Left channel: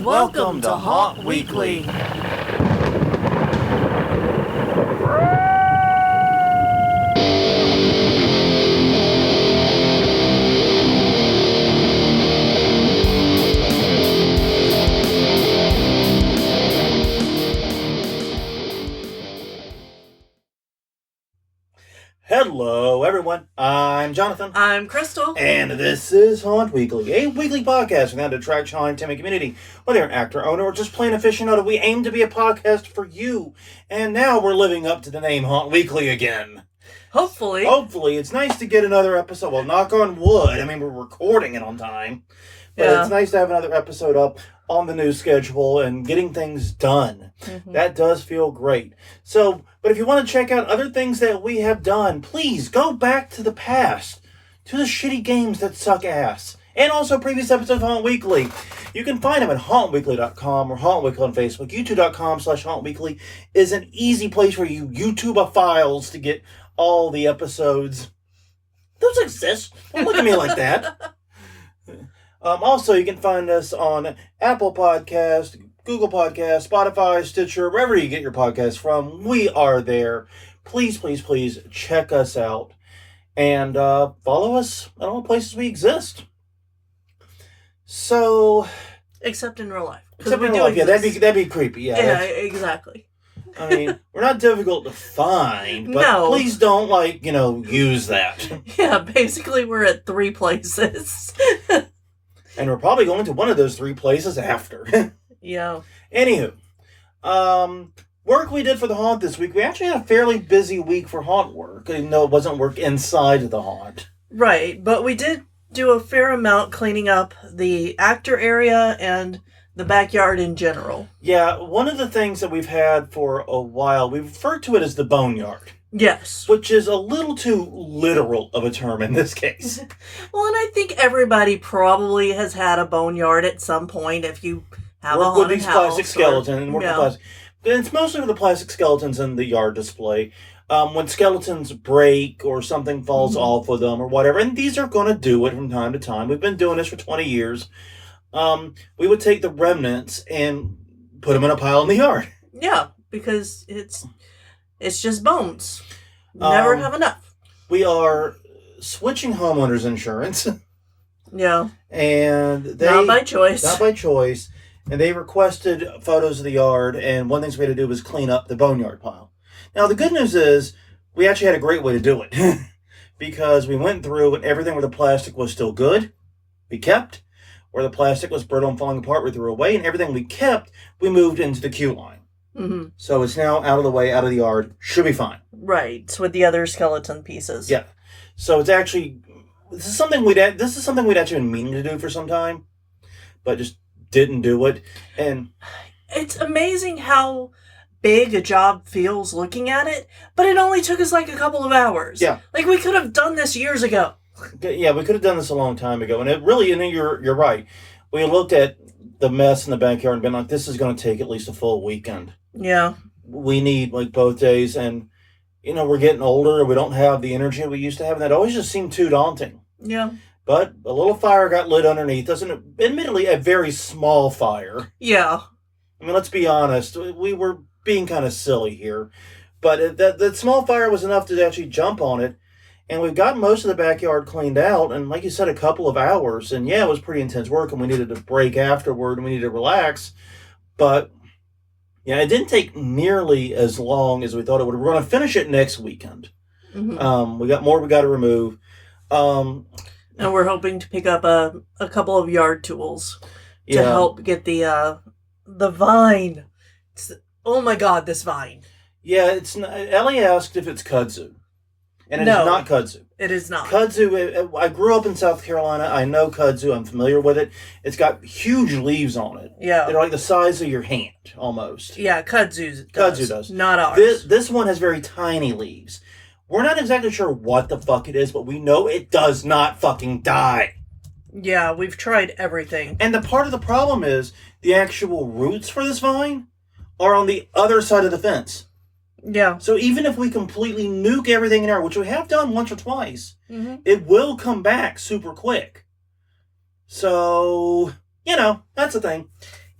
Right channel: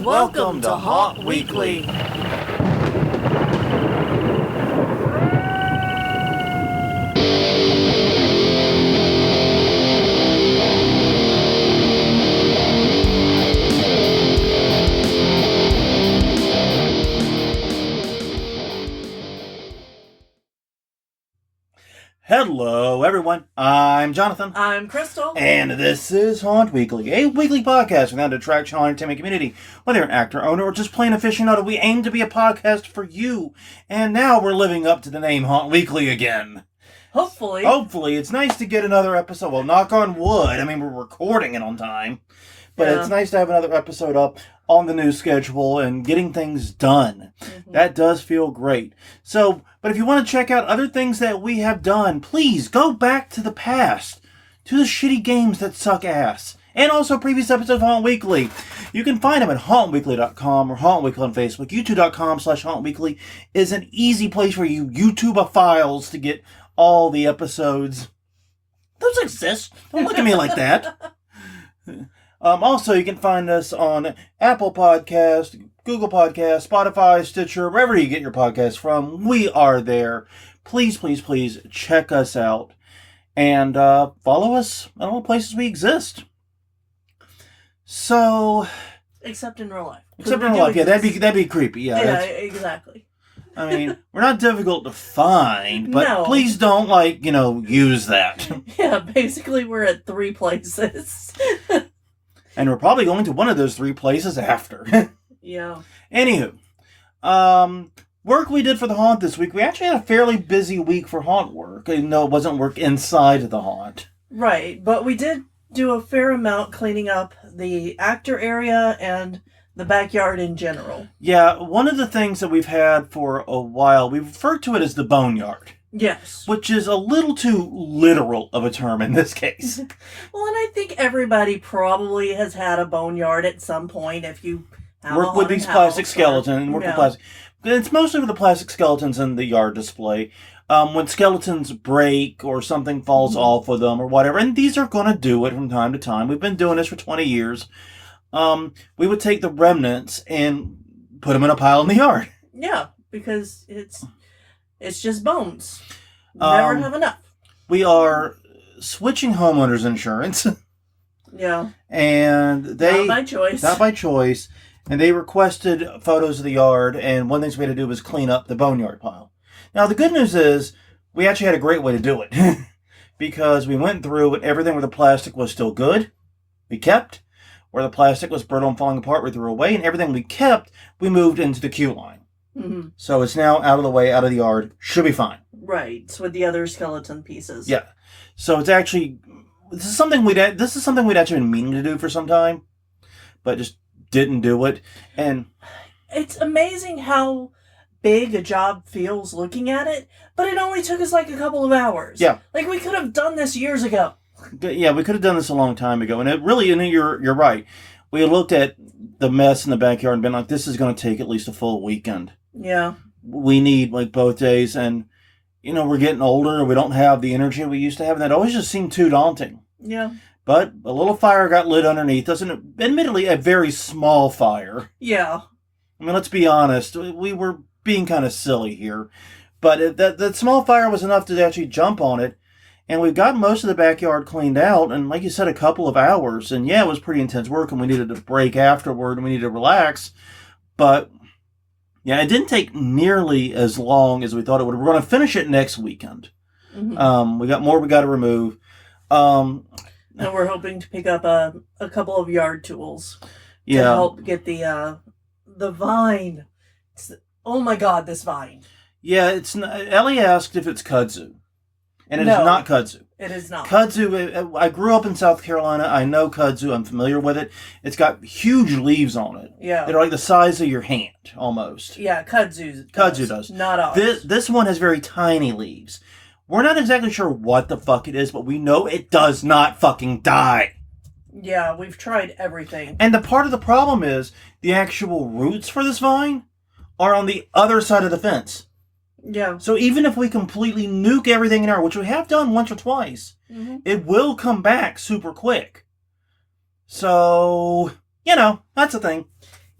Welcome to Haunt Weekly. Hello, everyone. I'm Jonathan. I'm Crystal. And this is Haunt Weekly, a weekly podcast without attraction on entertainment community. Whether you're an actor, owner, or just plain aficionado, we aim to be a podcast for you. And now we're living up to the name Haunt Weekly again. Hopefully. It's nice to get another episode. Well, knock on wood. I mean, we're recording it on time. But Yeah. It's nice to have another episode up on the new schedule and getting things done. Mm-hmm. That does feel great. So, but if you want to check out other things that we have done, please go back to the past, to the shitty games that suck ass, and also previous episodes of Haunt Weekly. You can find them at hauntweekly.com or Haunt Weekly on Facebook. YouTube.com/hauntweekly is an easy place for you YouTube files to get all the episodes. Those exist. Don't look at me like that. Also, you can find us on Apple Podcast, Google Podcast, Spotify, Stitcher, wherever you get your podcasts from. We are there. Please, please, please check us out and follow us at all the places we exist. So, Except in real life. except in real life, yeah, that'd be creepy. Yeah, exactly. I mean, we're not difficult to find, but No. please don't use that. Yeah, basically we're at 3 places. And we're probably going to one of those 3 places after. Yeah. Anywho, work we did for the haunt this week. We actually had a fairly busy week for haunt work, even though it wasn't work inside the haunt. Right, but we did do a fair amount cleaning up the actor area and the backyard in general. Yeah, one of the things that we've had for a while, we've referred to it as the boneyard. Yes. Which is a little too literal of a term in this case. Well, and I think everybody probably has had a boneyard at some point if you have Work a with these plastic skeletons and work with Yeah. plastic. But it's mostly with the plastic skeletons in the yard display. When skeletons break or something falls off of them or whatever, and these are going to do it from time to time. We've been doing this for 20 years. We would take the remnants and put them in a pile in the yard. Yeah, because it's just bones. Never have enough. We are switching homeowners insurance. Yeah. And they... Not by choice. Not by choice. And they requested photos of the yard, and one thing we had to do was clean up the boneyard pile. Now, the good news is, we actually had a great way to do it. Because we went through, and everything where the plastic was still good, we kept. Where the plastic was brittle and falling apart, we threw away. And everything we kept, we moved into the queue line. Mm-hmm. So it's now out of the way, out of the yard. Should be fine. Right, with the other skeleton pieces. Yeah. So it's actually... This is something we'd actually been meaning to do for some time. But just didn't do it. And it's amazing how big a job feels looking at it, but it only took us like a couple of hours. Yeah. Like we could have done this years ago. yeah, we could have done this a long time ago. And it really, and you're right. We looked at the mess in the backyard and been like, this is going to take at least a full weekend. Yeah. We need both days, and we're getting older. We don't have the energy we used to have, and that always just seemed too daunting. Yeah. But a little fire got lit underneath us, and admittedly a very small fire. Yeah. I mean, let's be honest. We were being kind of silly here. But that small fire was enough to actually jump on it. And we've got most of the backyard cleaned out. And like you said, a couple of hours. And yeah, it was pretty intense work. And we needed to break afterward. And we needed to relax. But yeah, it didn't take nearly as long as we thought it would. We're going to finish it next weekend. Mm-hmm. We got more we got to remove. And we're hoping to pick up a couple of yard tools to help get the vine. Oh my God, this vine. Yeah, Ellie asked if it's kudzu. And it is No. not kudzu. It is not. Kudzu, I grew up in South Carolina. I know kudzu. I'm familiar with it. It's got huge leaves on it. Yeah. They're like the size of your hand, almost. Yeah, kudzu does. Not ours. This one has very tiny leaves. We're not exactly sure what the fuck it is, but we know it does not fucking die. Yeah, we've tried everything. And the part of the problem is the actual roots for this vine are on the other side of the fence. Yeah. So even if we completely nuke everything in our, which we have done once or twice, it will come back super quick. So, that's the thing.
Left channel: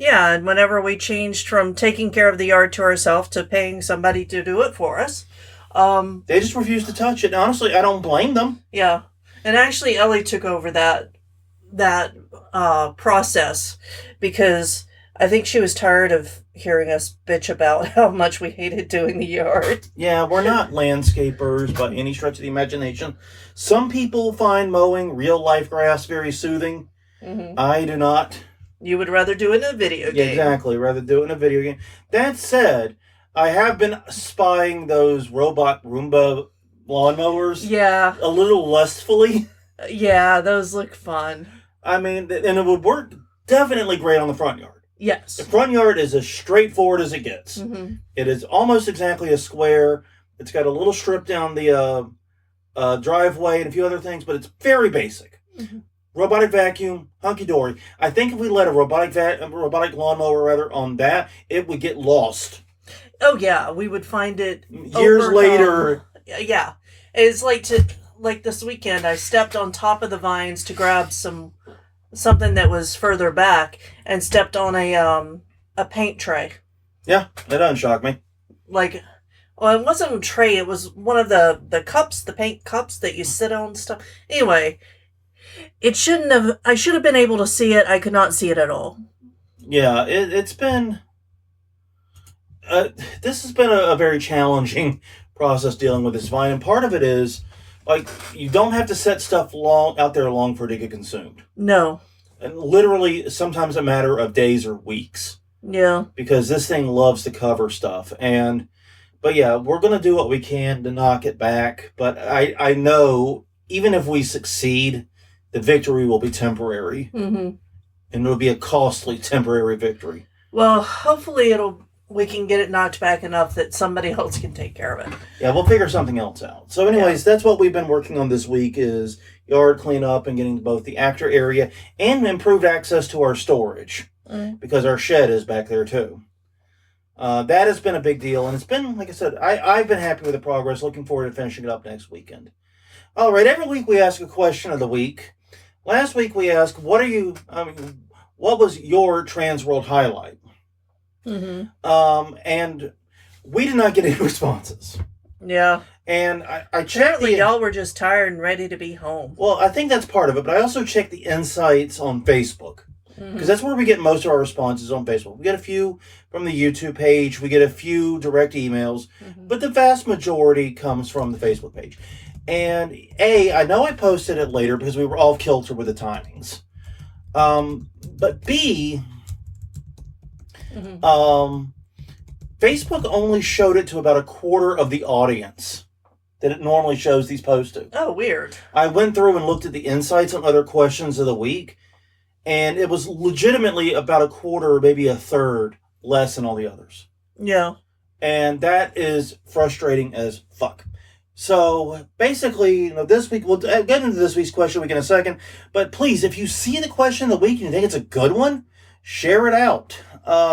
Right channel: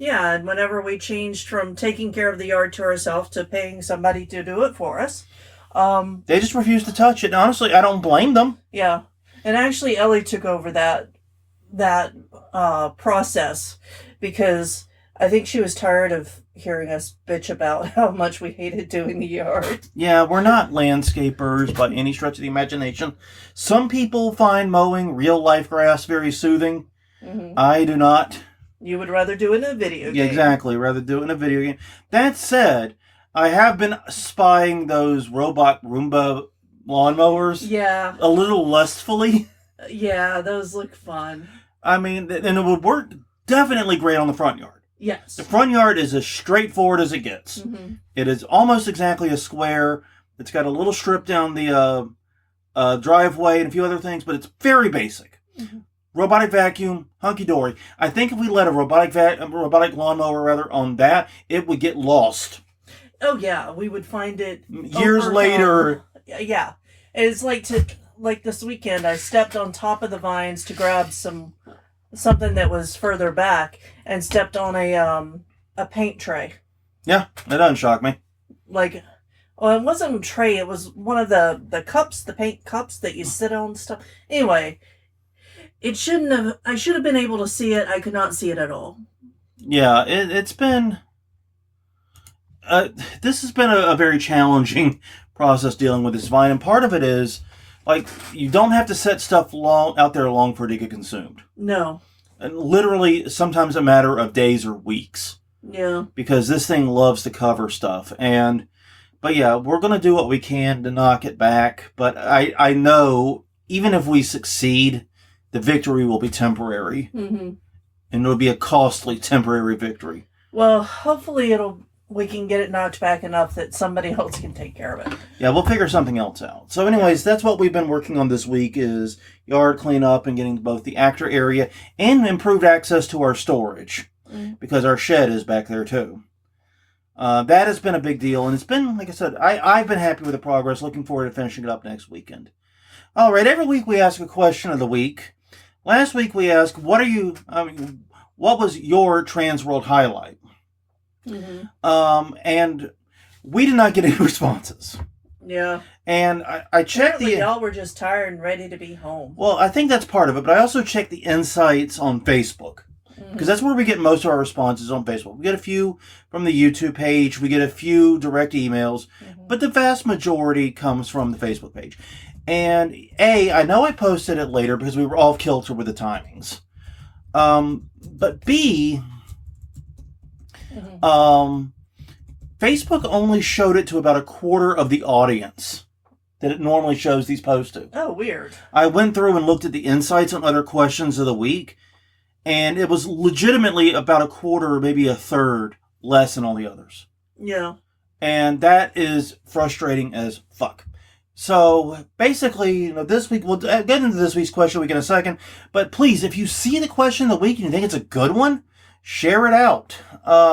Yeah, and whenever we changed from taking care of the yard to ourselves to paying somebody to do it for us, they just refused to touch it. And honestly, I don't blame them. Yeah, and actually, Ellie took over that process because I think she was tired of hearing us bitch about how much we hated doing the yard. Yeah, we're not landscapers by any stretch of the imagination. Some people find mowing real life grass very soothing. Mm-hmm. I do not. You would rather do it in a video game. Yeah, exactly. Rather do it in a video game. That said, I have been spying those robot Roomba lawnmowers. Yeah. A little lustfully. Yeah, those look fun. I mean, and it would work definitely great on the front yard. Yes. The front yard is as straightforward as it gets. Mm-hmm. It is almost exactly a square. It's got a little strip down the driveway and a few other things, but it's very basic. Mm-hmm. Robotic vacuum, hunky-dory. I think if we let a robotic lawnmower on that, it would get lost. Oh yeah, we would find it years later. Yeah, it's like this weekend. I stepped on top of the vines to grab something that was further back, and stepped on a paint tray. Yeah, that doesn't shock me. It wasn't a tray. It was one of the cups, the paint cups that you sit on stuff. Anyway. It shouldn't have. I should have been able to see it. I could not see it at all. Yeah, it's been. This has been a very challenging process dealing with this vine, and part of it is, you don't have to set stuff out there long for it to get consumed. No. And literally, sometimes a matter of days or weeks. Yeah. Because this thing loves to cover stuff, but yeah, we're gonna do what we can to knock it back. But I know even if we succeed, the victory will be temporary. Mm-hmm. And it'll be a costly temporary victory. Well, hopefully we can get it knocked back enough that somebody else can take care of it. Yeah, we'll figure something else out. So anyways, That's what we've been working on this week is yard cleanup and getting to both the actor area and improved access to our storage. Because our shed is back there too. That has been a big deal. And it's been, like I said, I've been happy with the progress. Looking forward to finishing it up next weekend. All right, every week we ask a question of the week. Last week we asked, what was your Trans World highlight? Mm-hmm. And we did not get any responses. Yeah. And I checked Apparently y'all were just tired and ready to be home. Well, I think that's part of it, but I also checked the insights on Facebook. Because that's where we get most of our responses on Facebook. We get a few from the YouTube page. We get a few direct emails. Mm-hmm. But the vast majority comes from the Facebook page. And I know I posted it later because we were off kilter with the timings. But B, Facebook only showed it to about a quarter of the audience that it normally shows these posts to. Oh, weird. I went through and looked at the insights on other questions of the week, and it was legitimately about a quarter, maybe a third less than all the others. Yeah. And that is frustrating as fuck. So basically, this week, we'll get into this week's question week in a second. But please, if you see the question of the week and you think it's a good one, share it out.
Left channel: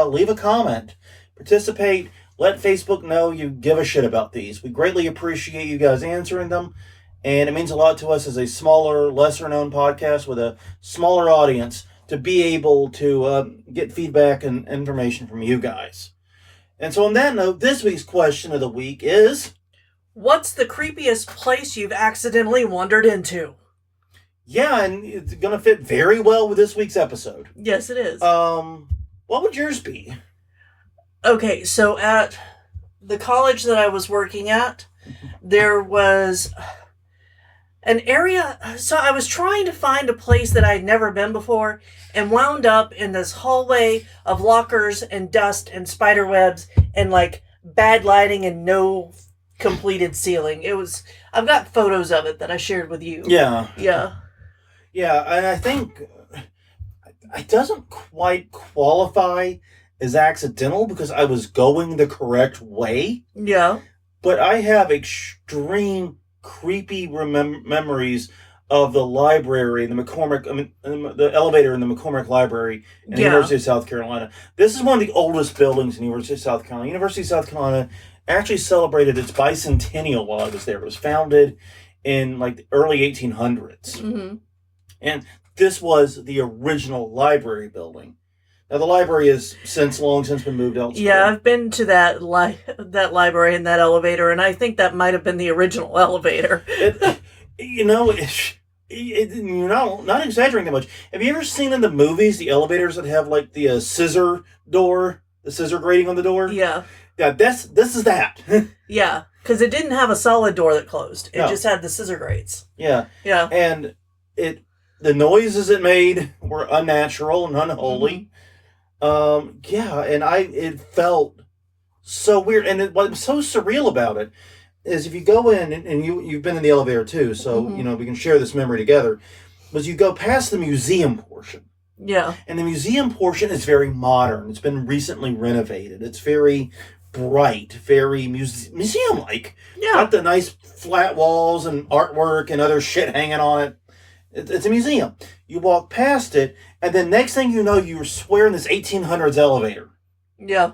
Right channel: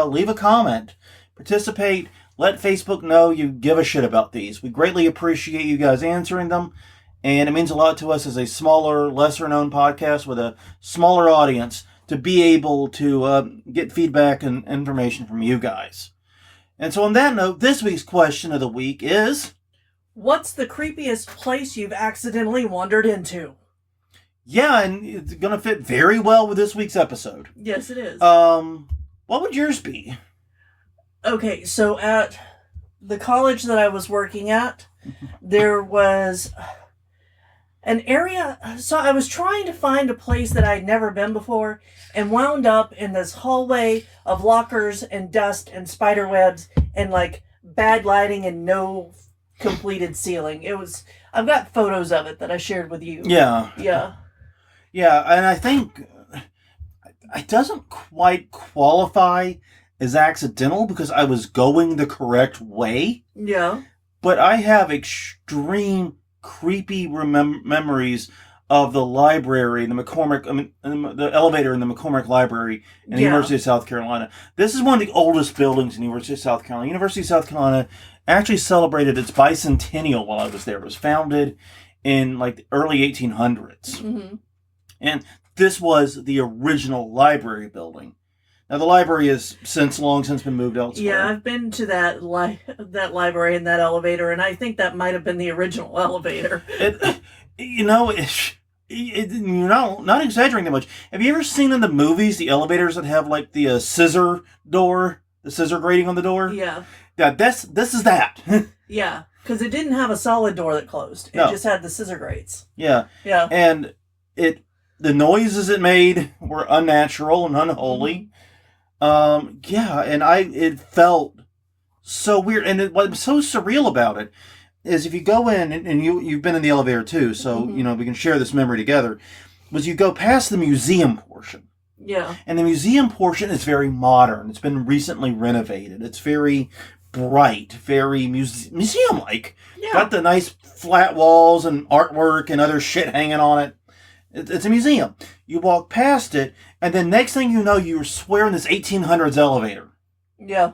Leave a comment. Participate. Let Facebook know you give a shit about these. We greatly appreciate you guys answering them. And it means a lot to us as a smaller, lesser-known podcast with a smaller audience to be able to get feedback and information from you guys. And so on that note, this week's question of the week is... What's the creepiest place you've accidentally wandered into? Yeah, and it's going to fit very well with this week's episode. Yes, it is. What would yours be? Okay, so at the college that I was working at, there was an area. So I was trying to find a place that I'd never been before and wound up in this hallway of lockers and dust and spider webs and bad lighting and no completed ceiling. I've got photos of it that I shared with you. Yeah. Yeah, and I think it doesn't quite qualify as accidental because I was going the correct way. Yeah. But I have extreme creepy memories of the library, the elevator in the McCormick Library in the University of South Carolina. This is one of the oldest buildings in the University of South Carolina. University of South Carolina actually celebrated its bicentennial while I was there. It was founded in the early 1800s. Mm-hmm. And this was the original library building. Now, the library has long since been moved elsewhere. Yeah, I've been to that library and that elevator, and I think that might have been the original elevator. You're not exaggerating that much. Have you ever seen in the movies the elevators that have like the scissor door, the scissor grating on the door? Yeah. Yeah, this is that. Yeah, because it didn't have a solid door that closed. It just had the scissor grates. Yeah. Yeah. And the noises it made were unnatural and unholy. And it felt so weird. And what's so surreal about it is if you go in, and you've been in the elevator too, so, we can share this memory together, was you go past the museum portion. Yeah. And the museum portion is very modern. It's been recently renovated. It's very bright, very museum-like. Yeah. Got the nice flat walls and artwork and other shit hanging on it. It's a museum. You walk past it, and then next thing you know, you're swearing this 1800s elevator. Yeah.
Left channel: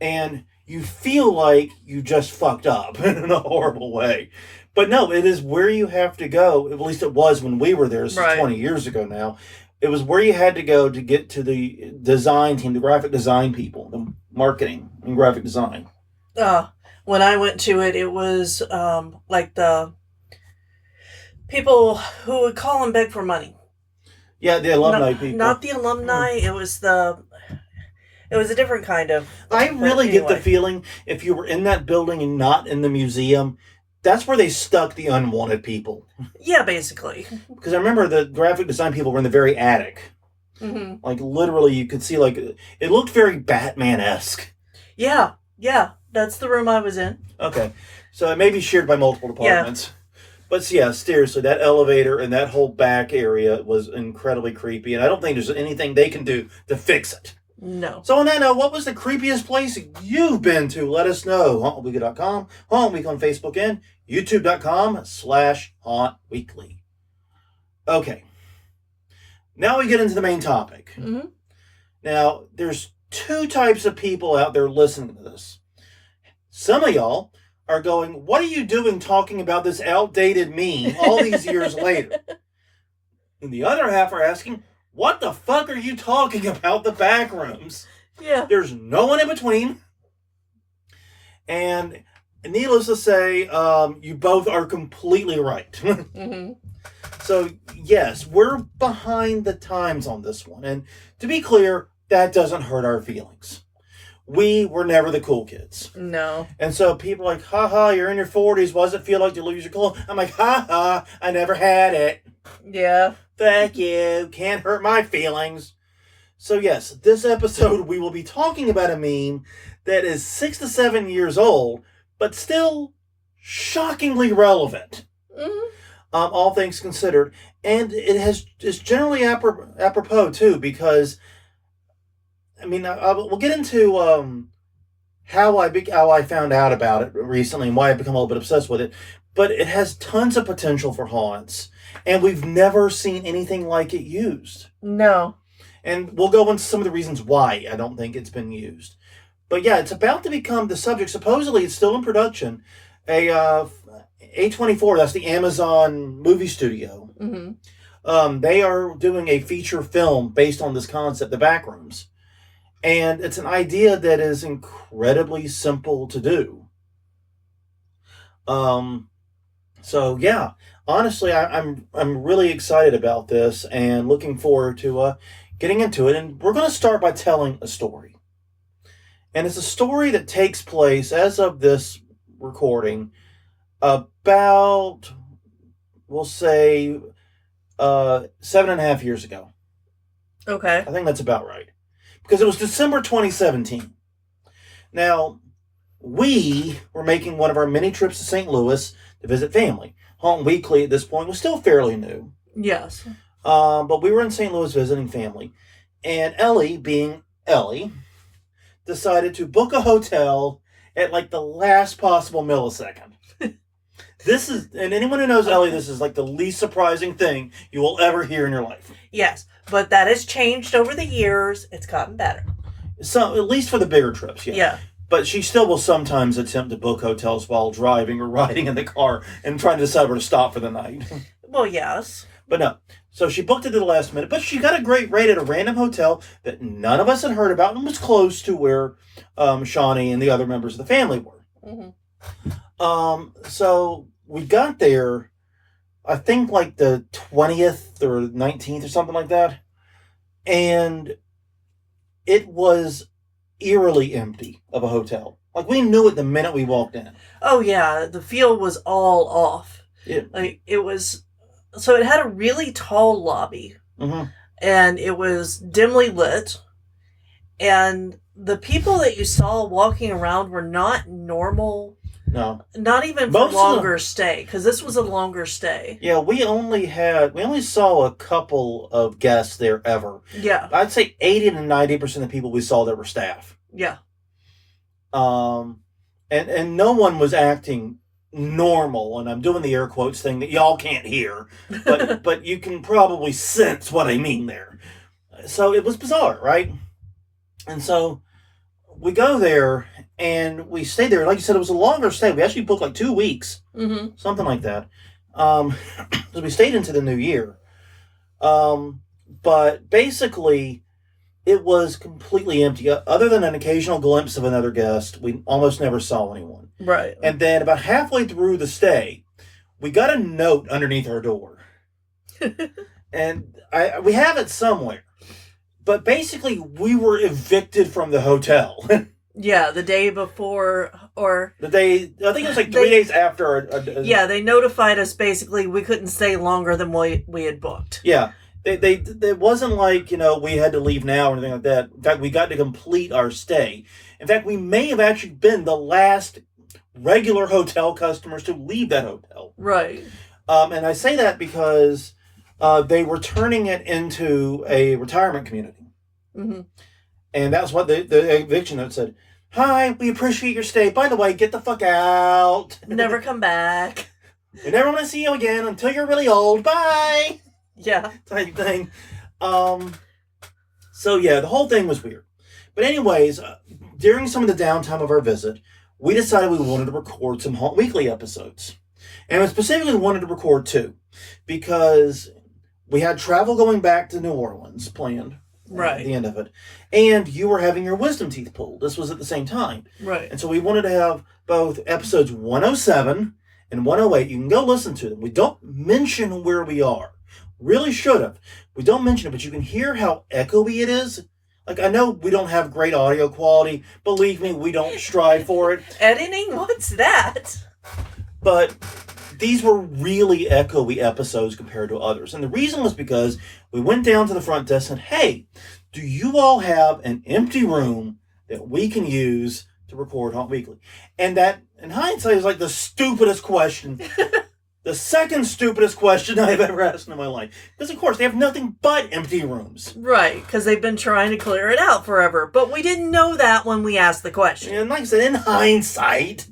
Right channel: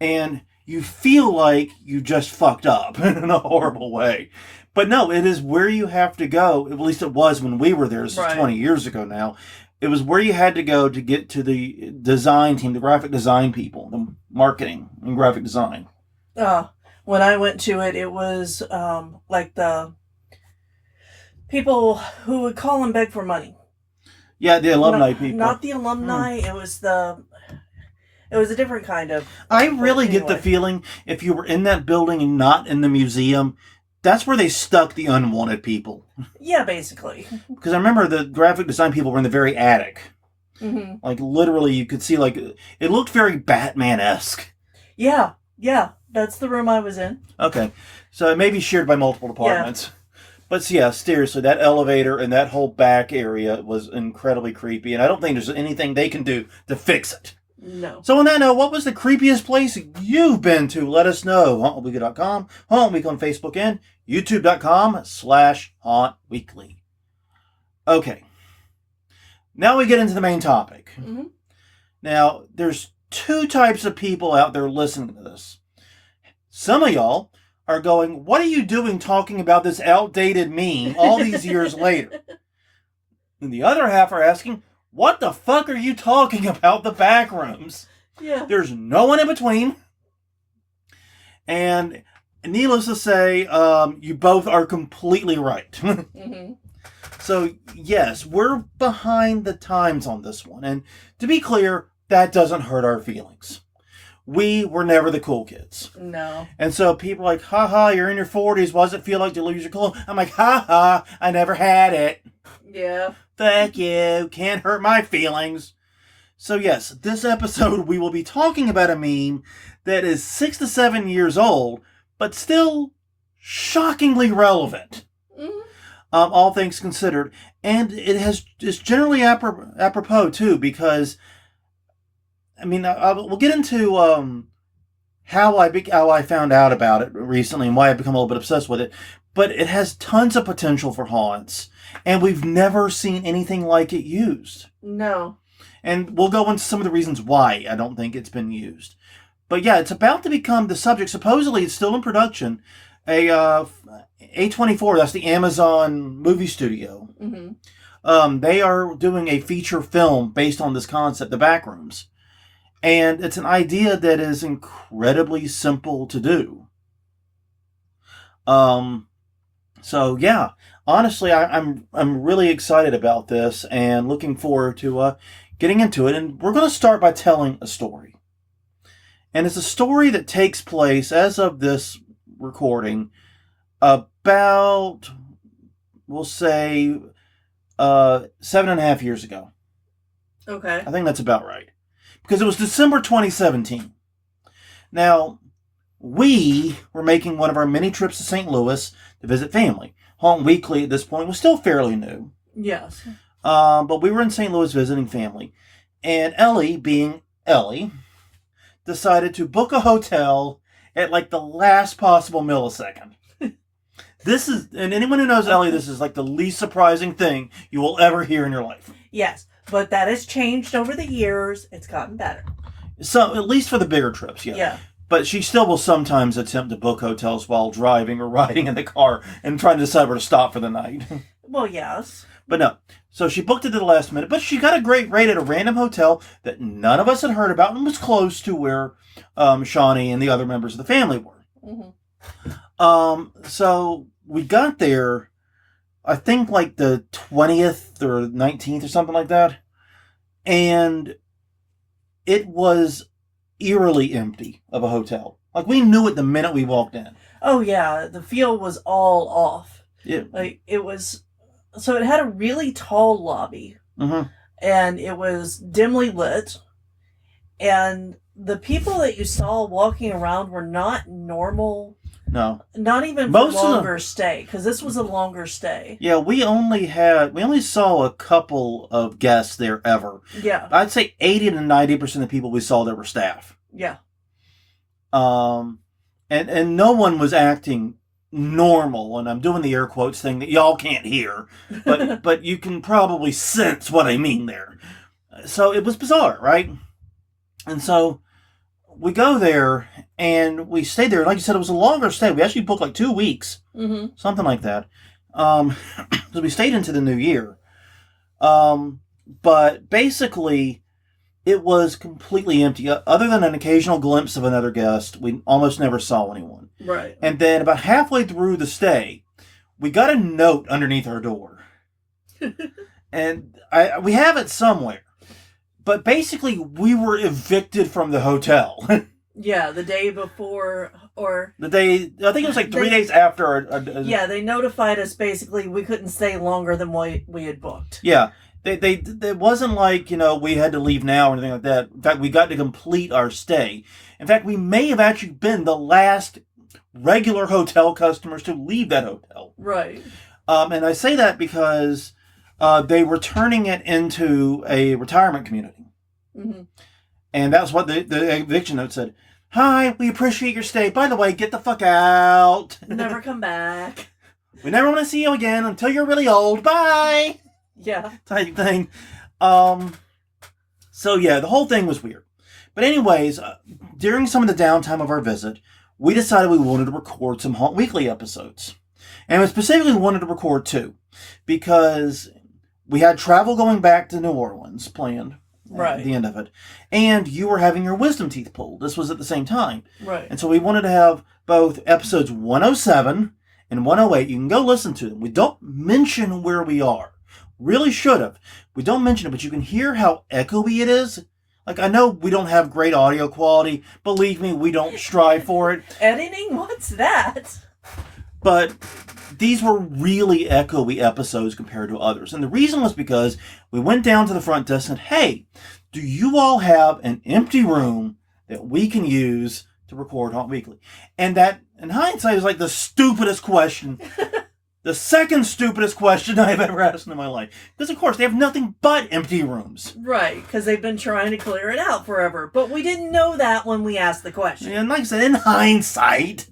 And you feel like you just fucked up in a horrible way. But no, it is where you have to go. At least it was when we were there. This is 20 years ago now. It was where you had to go to get to the design team, the graphic design people, the marketing and graphic design. When I went to it, it was like the people who would call and beg for money. Yeah, the alumni people. Not the alumni. It was a different kind of. I really get the feeling if you were in that building and not in the museum, that's where they stuck the unwanted people. Yeah, basically. Because I remember the graphic design people were in the very attic. Mm-hmm. Like, literally, you could see, like, it looked very Batman-esque. Yeah, that's the room I was in. Okay, so it may be shared by multiple departments. Yeah. But, yeah, seriously, that elevator and that whole back area was incredibly creepy, and I don't think there's anything they can do to fix it. No. So on that note, what was the creepiest place you've been to? Let us know. HauntWeekly.com, Haunt Week on Facebook, and YouTube.com/HauntWeekly. Okay. Now we get into the main topic. Mm-hmm. Now, there's two types of people out there listening to this. Some of y'all are going, what are you doing talking about this outdated meme all these years later? And the other half are asking, what the fuck are you talking about, the Backrooms? Yeah. There's no one in between. And needless to say, you both are completely right. Mm-hmm. So, yes, we're behind the times on this one. And to be clear, that doesn't hurt our feelings. We were never the cool kids. No. And so people are like, haha, you're in your 40s. What does it feel like to lose your cool? I'm like, haha, I never had it. Yeah. Fuck you. Can't hurt my feelings. So yes, this episode we will be talking about a meme that is 6 to 7 years old, but still shockingly relevant. Mm-hmm. All things considered. And it's generally apropos too, because I mean, we'll get into how I found out about it recently and why I've become a little bit obsessed with it. But it has tons of potential for haunts, and we've never seen anything like it used. No. And we'll go into some of the reasons why I don't think it's been used. But yeah, it's about to become the subject. Supposedly, it's still in production. A24, that's the Amazon movie studio. Mm-hmm. They are doing a feature film based on this concept, The Backrooms. And it's an idea that is incredibly simple to do. So yeah, honestly, I'm really excited about this and looking forward to getting into it. And we're going to start by telling a story. And it's a story that takes place, as of this recording, about, we'll say, 7.5 years ago. Okay. I think that's about right. Because it was December 2017. Now, we were making one of our many trips to St. Louis to visit family. Haunt Weekly at this point was still fairly new. Yes. But we were in St. Louis visiting family. And Ellie, being Ellie, decided to book a hotel at like the last possible millisecond. This is, and anyone who knows Ellie, this is like the least surprising thing you will ever hear in your life. Yes, but that has changed over the years. It's gotten better. So, at least for the bigger trips, yeah. Yeah. But she still will sometimes attempt to book hotels while driving or riding in the car and trying to decide where to stop for the night. Well, yes. But no. So she booked it at the last minute, but she got a great rate at a random hotel that none of us had heard about and was close to where Shawnee and the other members of the family were. So we got there, I think like the 20th or 19th or something like that. And it was eerily empty of a hotel. Like, we knew it the minute we walked in. Oh, yeah. The feel was all off. Yeah. Like, it was... So it had a really tall lobby. And it was dimly lit. And the people that you saw walking around were not normal... No. Not even for longer stay, because this was a longer stay. Yeah, we only saw a couple of guests there ever. Yeah. I'd say 80 to 90% of the people we saw there were staff. Yeah. And no one was acting normal, and I'm doing the air quotes thing that y'all can't hear, but you can probably sense what I mean there. So it was bizarre, right? And so we go there, and we stayed there. Like you said, it was a longer stay. We actually booked like 2 weeks. Something like that. So we stayed into the new year. But basically, it was completely empty. Other than an occasional glimpse of another guest, we almost never saw anyone. Right. And then about halfway through the stay, we got a note underneath our door. And we have it somewhere. But basically, we were evicted from the hotel. Yeah, the day before, or... I think it was like 3 days after. Yeah, they notified us basically we couldn't stay longer than we had booked. Yeah. It wasn't like, we had to leave now or anything like that. In fact, we got to complete our stay. In fact, we may have actually been the last regular hotel customers to leave that hotel. Right. And I say that because they were turning it into a retirement community. And that's what the eviction note said. Hi, we appreciate your stay. By the way, get the fuck out. Never come back. We never want to see you again until you're really old. Bye. Yeah. Type thing. So yeah, the whole thing was weird. But anyways, during some of the downtime of our visit, we decided we wanted to record some Haunt Weekly episodes. And we specifically wanted to record 2. Because we had travel going back to New Orleans planned. Right. At the end of it. And you were having your wisdom teeth pulled. This was at the same time. Right. And so we wanted to have both episodes 107 and 108. You can go listen to them. We don't mention where we are. Really should have. We don't mention it, but you can hear how echoey it is. Like, I know we don't have great audio quality. Believe me, we don't strive for it. Editing? What's that? But these were really echoey episodes compared to others. And the reason was because we went down to the front desk and said, hey, do you all have an empty room that we can use to record Haunt Weekly? And that, in hindsight, is like the stupidest question. The second stupidest question I've ever asked in my life. Because, of course, they have nothing but empty rooms. Right, because they've been trying to clear it out forever. But we didn't know that when we asked the question. And like I said, in hindsight...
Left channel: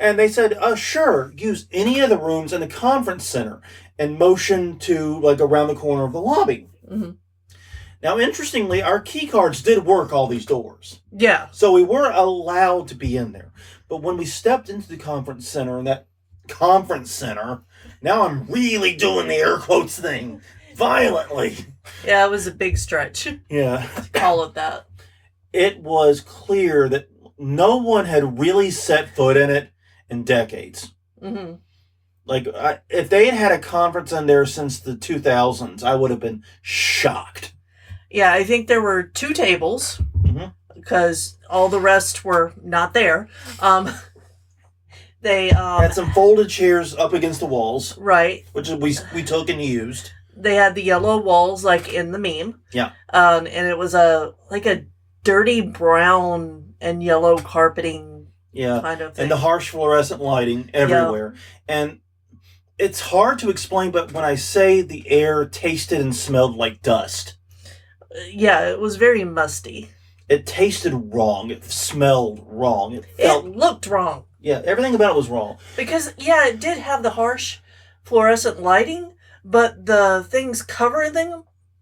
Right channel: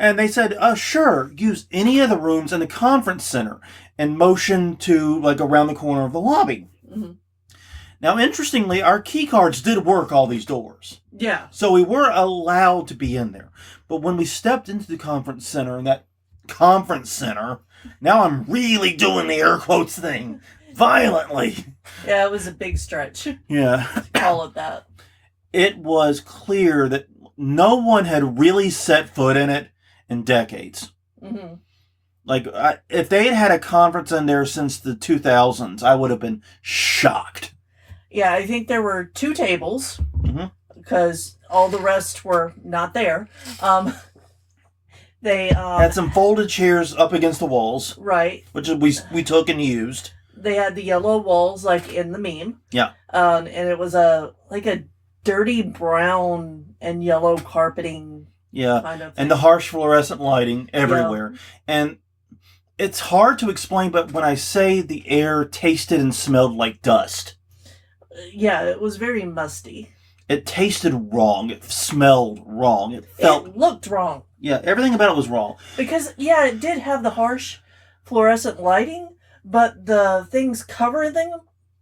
And they said, sure, use any of the rooms in the conference center and motion to, like, around the corner of the lobby. Now, interestingly, our key cards did work all these doors. Yeah. So we were allowed to be in there. But when we stepped into the conference center, and that conference center, now I'm really doing the air quotes thing violently. Yeah, it was a big stretch. Yeah. To call it that. It was clear that no one had really set foot in it in decades. Like, if they had had a conference in there since the 2000s, I would have been shocked. Yeah, I think there were 2 tables, because all the rest were not there. They had some folded chairs up against the walls. Right. Which we took and used. They had the yellow walls, like in the meme. Yeah. And it was a dirty brown and yellow carpeting. Yeah, kind of thing. And the harsh fluorescent lighting everywhere. Yeah. And it's hard to explain, but when I say the air tasted and smelled like dust. Yeah, it was very musty. It tasted wrong. It smelled wrong. It looked wrong. Yeah, everything about it was wrong. Because, yeah, it did have the harsh fluorescent lighting, but the things covering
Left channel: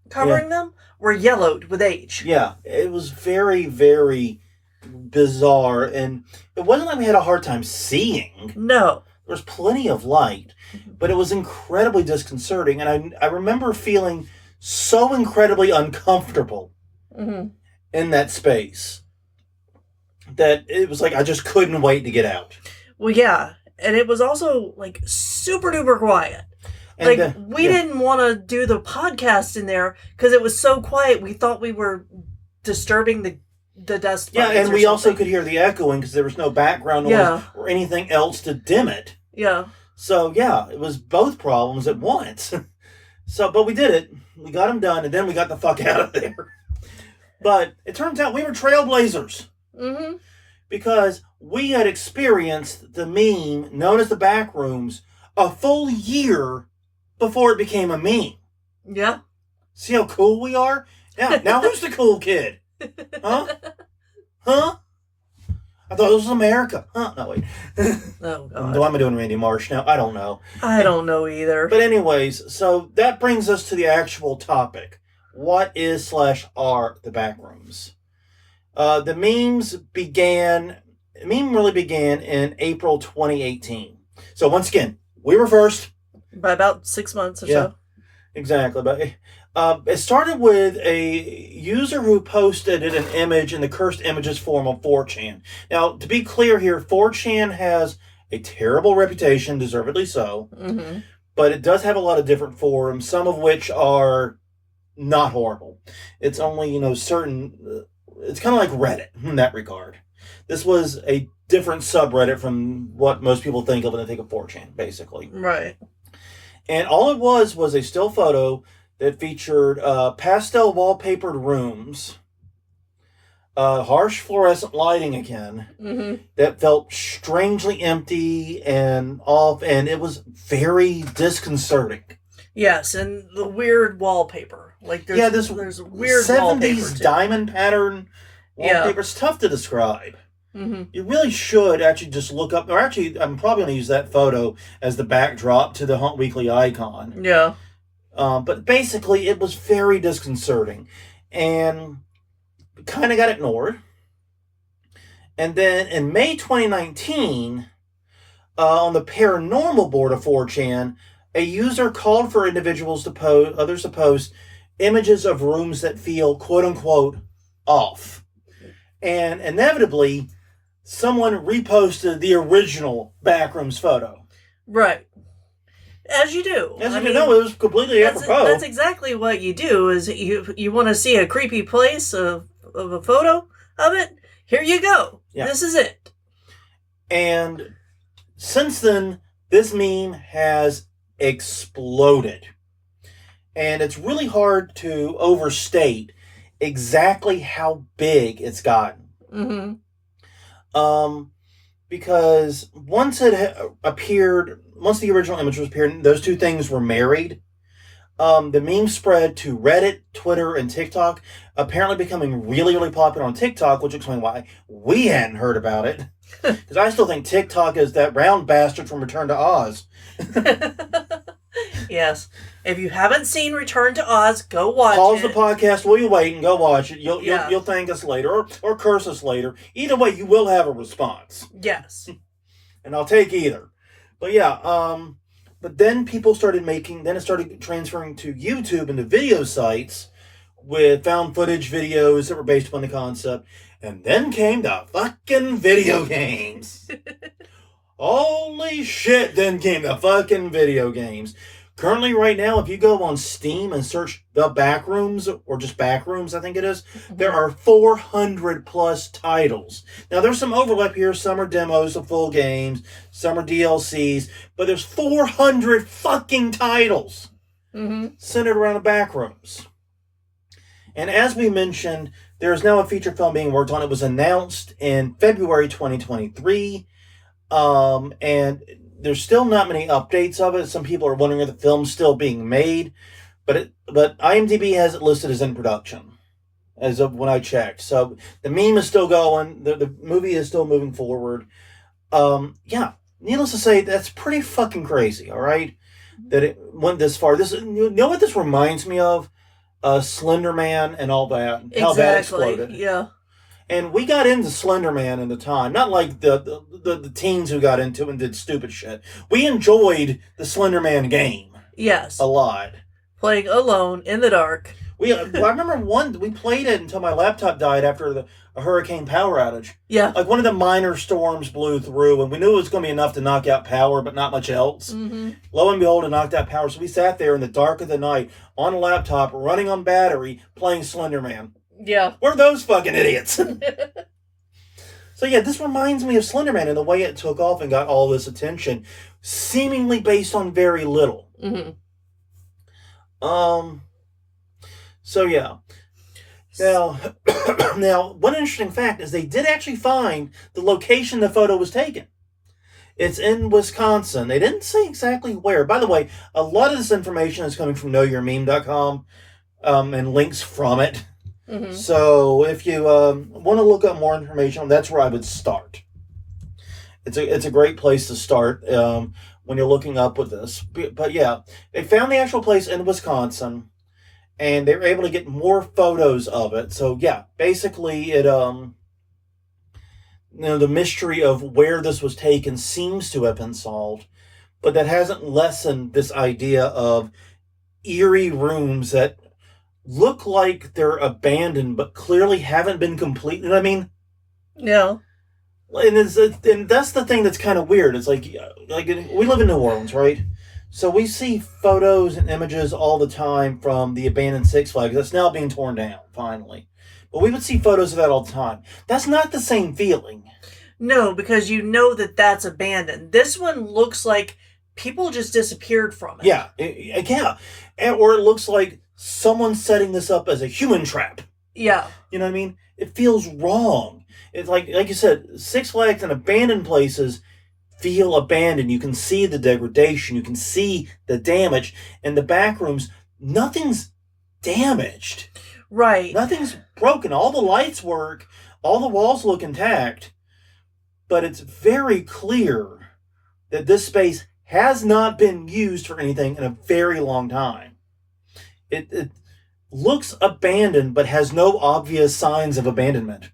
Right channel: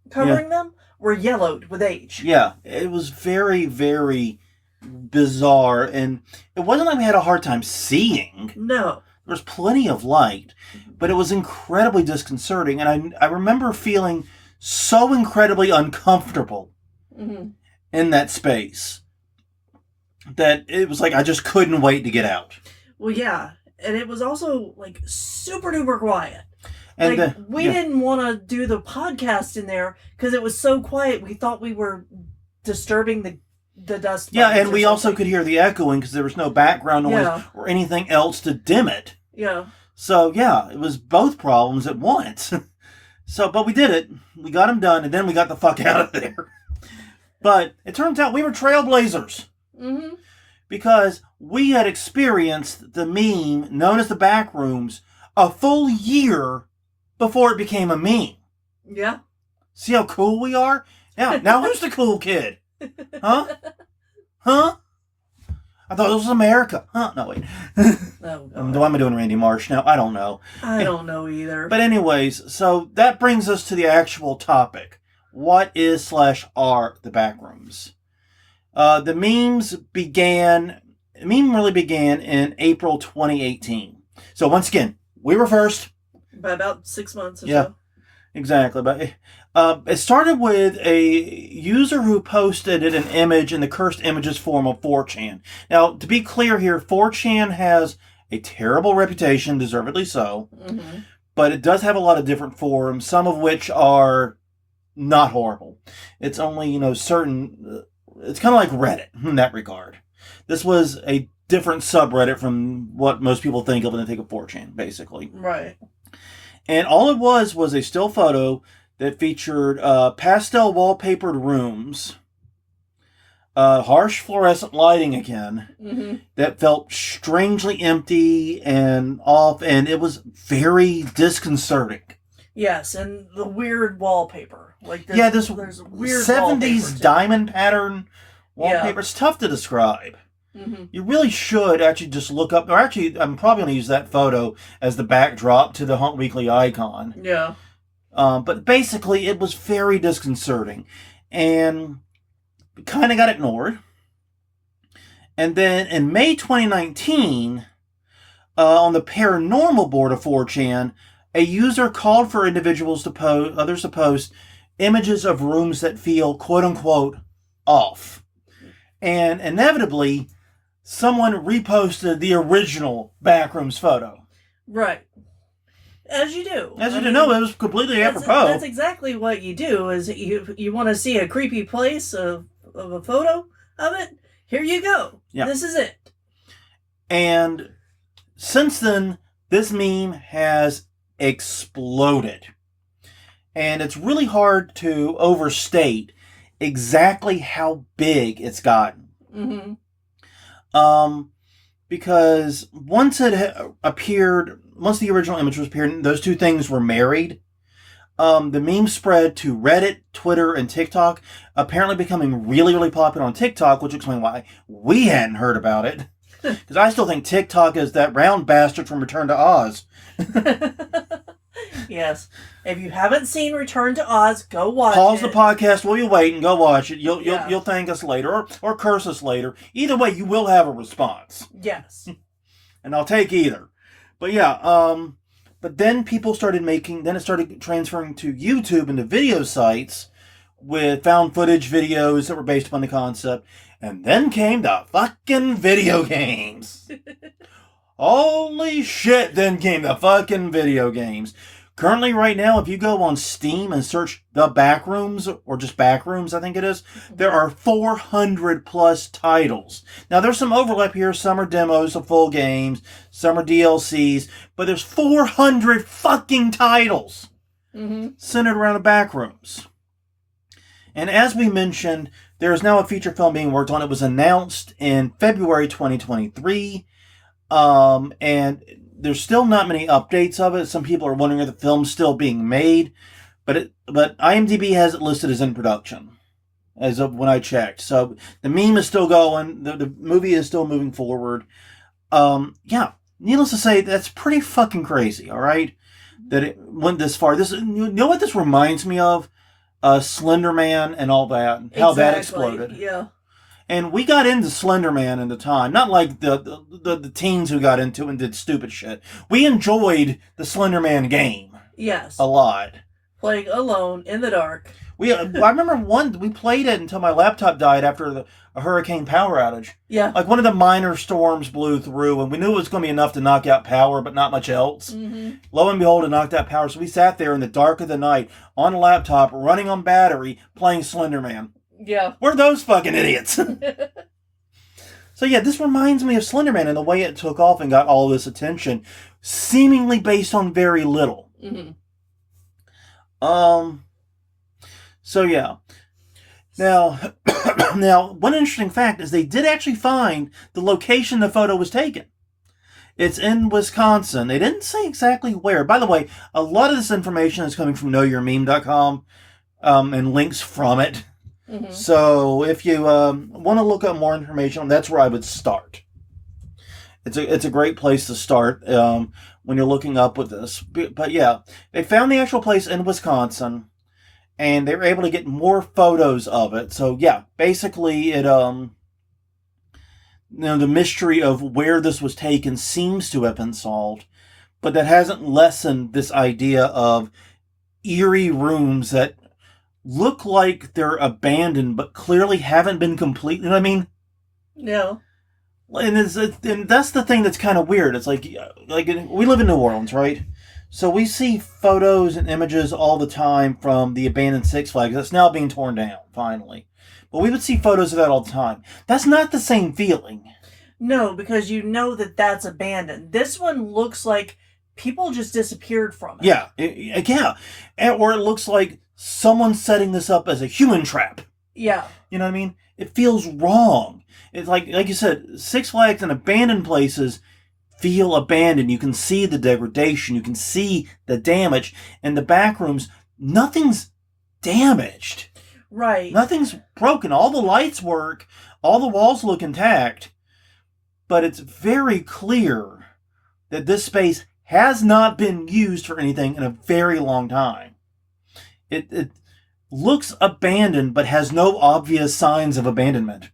them were yellowed with age. Yeah, it was very, very bizarre, and it wasn't like we had a hard time seeing. No. There was plenty of light, but it was incredibly disconcerting. And I remember feeling so incredibly uncomfortable in that space that it was like I just couldn't wait to get out. Well, yeah. And it was also, like, super duper quiet. And like, we didn't want to do the podcast in there because it was so quiet. We thought we were disturbing the dust. Yeah, and we also could hear the echoing because there was no background noise or anything else to dim it. Yeah. So, yeah, it was both problems at once. But we did it. We got them done, and then we got the fuck out of there. But it turns out we were trailblazers. Mm-hmm. Because we had experienced the meme known as the Backrooms a full year before it became a meme. Yeah. See how cool we are? Now who's the cool kid? Huh? Huh? I thought this was America. Huh? No, wait. Oh, God. Am I doing Randy Marsh now? I don't know. I don't know either. But anyways, so that brings us to the actual topic. What is / are the Backrooms? The meme really began in April 2018. So once again, we were first. By about 6 months or so. Exactly. But it started with a user who posted an image in the cursed images forum of 4chan. Now, to be clear here, 4chan has a terrible reputation, deservedly so. Mm-hmm. But it does have a lot of different forums, some of which are not horrible. It's only, certain... It's kind of like Reddit in that regard. This was a different subreddit from what most people think of when they think of 4chan, basically. Right. And all it was a still photo that featured pastel wallpapered rooms, harsh fluorescent lighting again, that felt strangely empty and off, and it was very disconcerting. Yes, and the weird wallpaper. Like there's weird 70s diamond pattern wallpaper. Yeah. It's tough to describe. Mm-hmm. You really should actually just look up, or actually, I'm probably going to use that photo as the backdrop to the Haunt Weekly icon. Yeah. But basically, it was very disconcerting, and kind of got ignored. And then in May 2019, on the paranormal board of 4chan, a user called for individuals to others to post images of rooms that feel quote-unquote off. And inevitably, someone reposted the original Backrooms photo. Right. As you do. No, it was completely apropos. That's exactly what you do, is you want to see a creepy place of a photo of it? Here you go. Yeah. This is it. And since then, this meme has exploded. And it's really hard to overstate exactly how big it's gotten. Mm-hmm. Because once it appeared, once the original image was appeared, those two things were married. The meme spread to Reddit, Twitter, and TikTok, apparently becoming really, really popular on TikTok, which explains why we hadn't heard about it. Because I still think TikTok is that round bastard from Return to Oz. Yes. If you haven't seen Return to Oz, go watch it. Pause the podcast while you wait and go watch it. You'll thank us later or curse us later. Either way, you will have a response. Yes. And I'll take either. But yeah, but then people started then it started transferring to YouTube and to video sites with found footage videos that were based upon the concept. And then came the fucking video games. Holy shit, then came the fucking video games. Currently, right now, if you go on Steam and search The Backrooms, or just Backrooms, I think it is, there are 400 plus titles. Now, there's some overlap here. Some are demos of full games, some are DLCs, but there's 400 fucking titles centered around the Backrooms. And as we mentioned, there is now a feature film being worked on. It was announced in February 2023, and there's still not many updates of it. Some people are wondering if the film's still being made, but IMDb has it listed as in production as of when I checked. So the meme is still going. The movie is still moving forward. Needless to say, that's pretty fucking crazy. All right, that it went this far. You know what this reminds me of? Slender Man and all that. How that exploded. Yeah. And we got into Slender Man in the time. Not like the teens who got into it and did stupid shit. We enjoyed the Slender Man game Yes. a lot. Playing alone in the dark. I remember we played it until my laptop died after a hurricane power outage. Yeah. Like one of the minor storms blew through, and we knew it was going to be enough to knock out power, but not much else. Mm-hmm. Lo and behold, it knocked out power. So we sat there in the dark of the night on a laptop, running on battery, playing Slender Man. Yeah. We're those fucking idiots. So yeah, this reminds me of Slender Man and the way it took off and got all this attention, seemingly based on very little. Mm-hmm. So yeah. Now, one interesting fact is they did actually find the location the photo was taken. It's in Wisconsin. They didn't say exactly where. By the way, a lot of this information is coming from knowyourmeme.com and links from it. Mm-hmm. So if you want to look up more information, that's where I would start. It's a great place to start when you're looking up with this. But yeah, they found the actual place in Wisconsin, and they were able to get more photos of it. So yeah, basically it the mystery of where this was taken seems to have been solved, but that hasn't lessened this idea of eerie rooms that look like they're abandoned, but clearly haven't been complete. You know what I mean? Yeah. And that's the thing that's kind of weird. It's like we live in New Orleans, right? So we see photos and images all the time from the abandoned Six Flags that's now being torn down, finally. But we would see photos of that all the time. That's not the same feeling. No, because you know that that's abandoned. This one looks like people just disappeared from it. Yeah, yeah. Or it looks like someone's setting this up as a human trap. Yeah. You know what I mean? It feels wrong. It's like you said, Six Flags and abandoned places feel abandoned. You can see the degradation. You can see the damage. And the Backrooms, nothing's damaged. Right. Nothing's broken. All the lights work. All the walls look intact. But it's very clear that this space has not been used for anything in a very long time. It looks abandoned, but has no obvious signs of abandonment.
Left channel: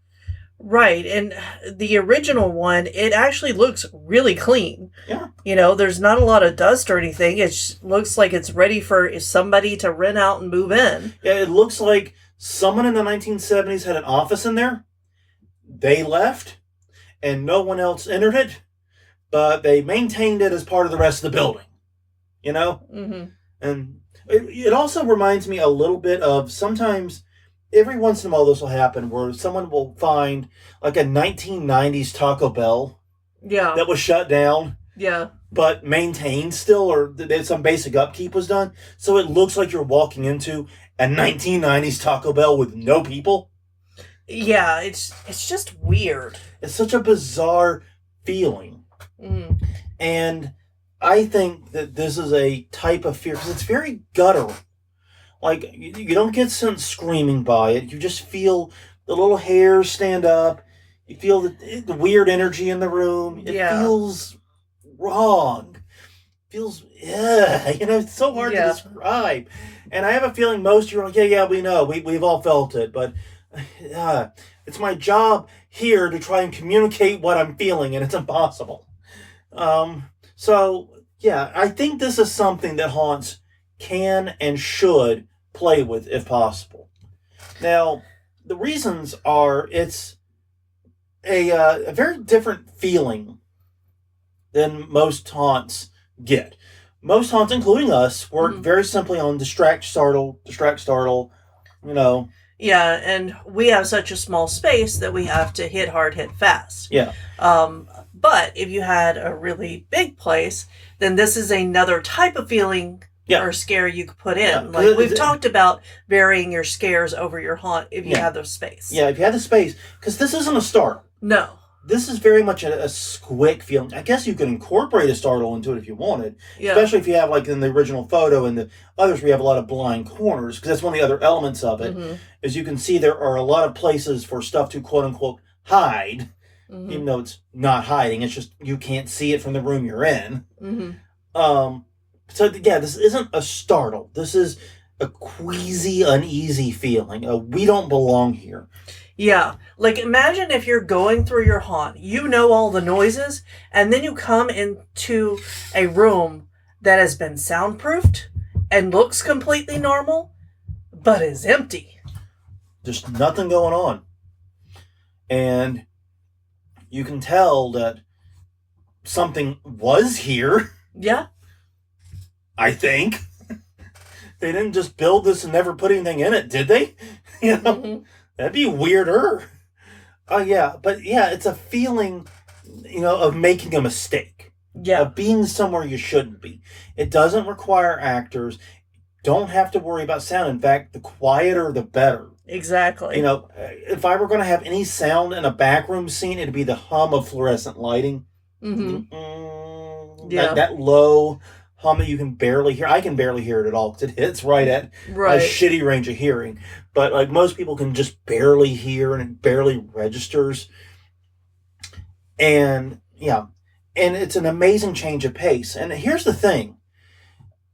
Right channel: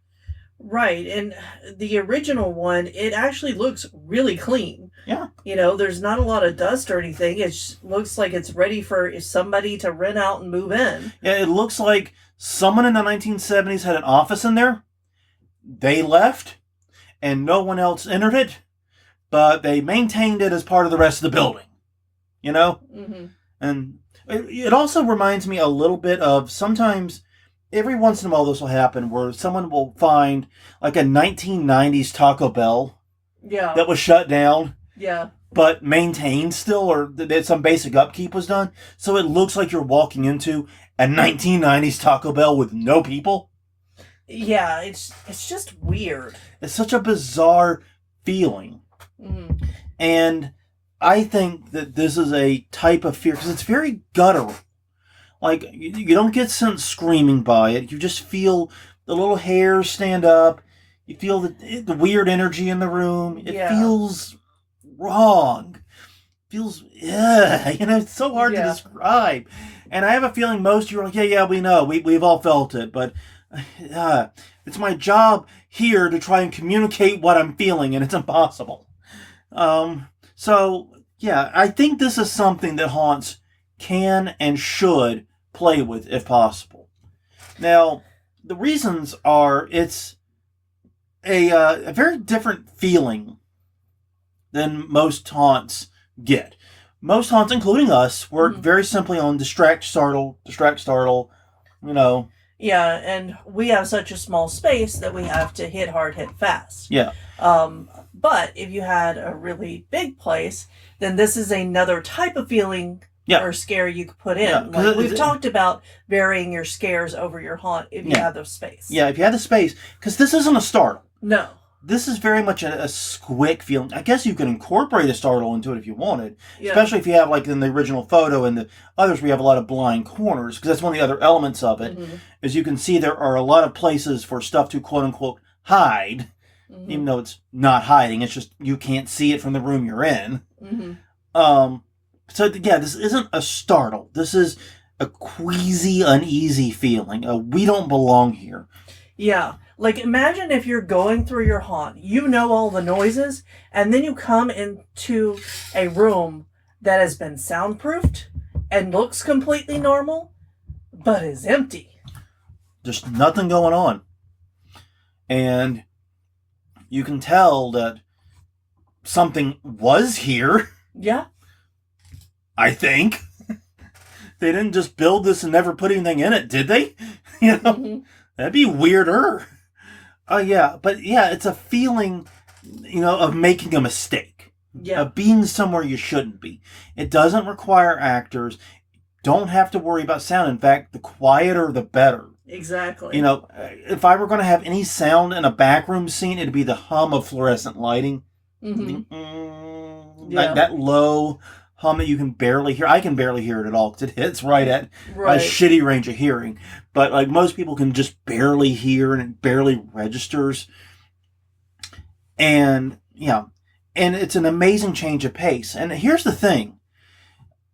Right. And the original one, it actually looks really clean. Yeah. You know, there's not a lot of dust or anything. It looks like it's ready for somebody to rent out and move in. Yeah, it looks like someone in the 1970s had an office in there. They left, and no one else entered it, but they maintained it as part of the rest of the building. You know? Mm-hmm. And it also reminds me a little bit of sometimes, every once in a while this will happen, where someone will find like a 1990s Taco Bell that was shut down. Yeah. But maintained still, or that some basic upkeep was done. So it looks like you're walking into a 1990s Taco Bell with no people. Yeah, it's just weird. It's such a bizarre feeling. Mm. And I think that this is a type of fear, because it's very guttural. Like, you don't get sent screaming by it. You just feel the little hairs stand up. You feel the weird energy in the room. It feels wrong. It feels, it's so hard to describe. And I have a feeling most of you are like, yeah, we know. We've all felt it. But it's my job here to try and communicate what I'm feeling, and it's impossible. So, yeah, I think this is something that haunts can and should play with if possible. Now, the reasons are it's a very different feeling than most haunts get. Most haunts, including us, work very simply on distract, startle, you know. Yeah, and we have such a small space that we have to hit hard, hit fast. Yeah. But if you had a really big place, then this is another type of feeling or scare you could put in. Yeah, like we've talked about varying your scares over your haunt if you have the space. Yeah, if you have the space. Because this isn't a startle. No. This is very much a quick feeling. I guess you could incorporate a startle into it if you wanted. Yeah. Especially if you have, like in the original photo and the others where you have a lot of blind corners. Because that's one of the other elements of it. Mm-hmm. Is you can see there are a lot of places for stuff to quote-unquote hide. Mm-hmm. Even though it's not hiding. It's just you can't see it from the room you're in. Mm-hmm. So, yeah, this isn't a startle. This is a queasy, uneasy feeling. We don't belong here. Yeah. Like, imagine if you're going through your haunt, you know all the noises, and then you come into a room that has been soundproofed and looks completely normal, but is empty. Just nothing going on. And you can tell that something was here, Yeah. I think. They didn't just build this and never put anything in it, did they? You know? Mm-hmm. That'd be weirder. Yeah. But yeah, it's a feeling, of making a mistake. Yeah. Of being somewhere you shouldn't be. It doesn't require actors. Don't have to worry about sound. In fact, the quieter, the better. Exactly. If I were going to have any sound in a backroom scene, it'd be the hum of fluorescent lighting. Mm-hmm. That low hum that you can barely hear. I can barely hear it at all because it hits right at a shitty range of hearing. But like most people can just barely hear and it barely registers. And yeah, and it's an amazing change of pace. And here's the thing.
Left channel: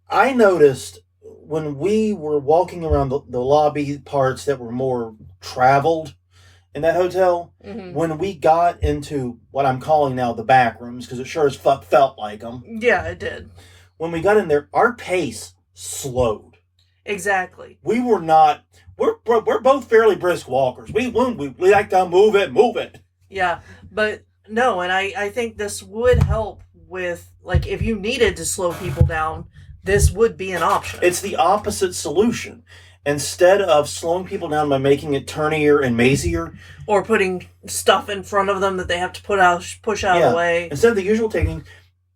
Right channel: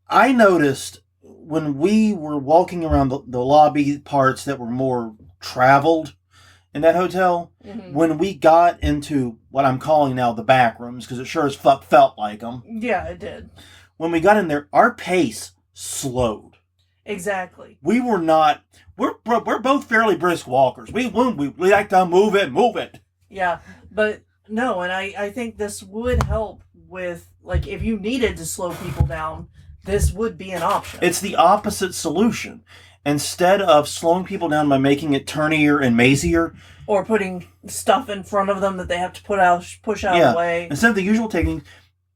I noticed when we were walking around the lobby parts that were more traveled in that hotel, when we got into what I'm calling now the back rooms, because it sure as fuck felt like them. Yeah, it did. When we got in there, our pace slowed. Exactly. We were not. We're both fairly brisk walkers. We like to move it. Yeah, but no, and I think this would help with, like, if you needed to slow people down, this would be an option. It's the opposite solution. Instead of slowing people down by making it turnier and mazier, or putting stuff in front of them that they have to push out of the way. Instead of the usual technique,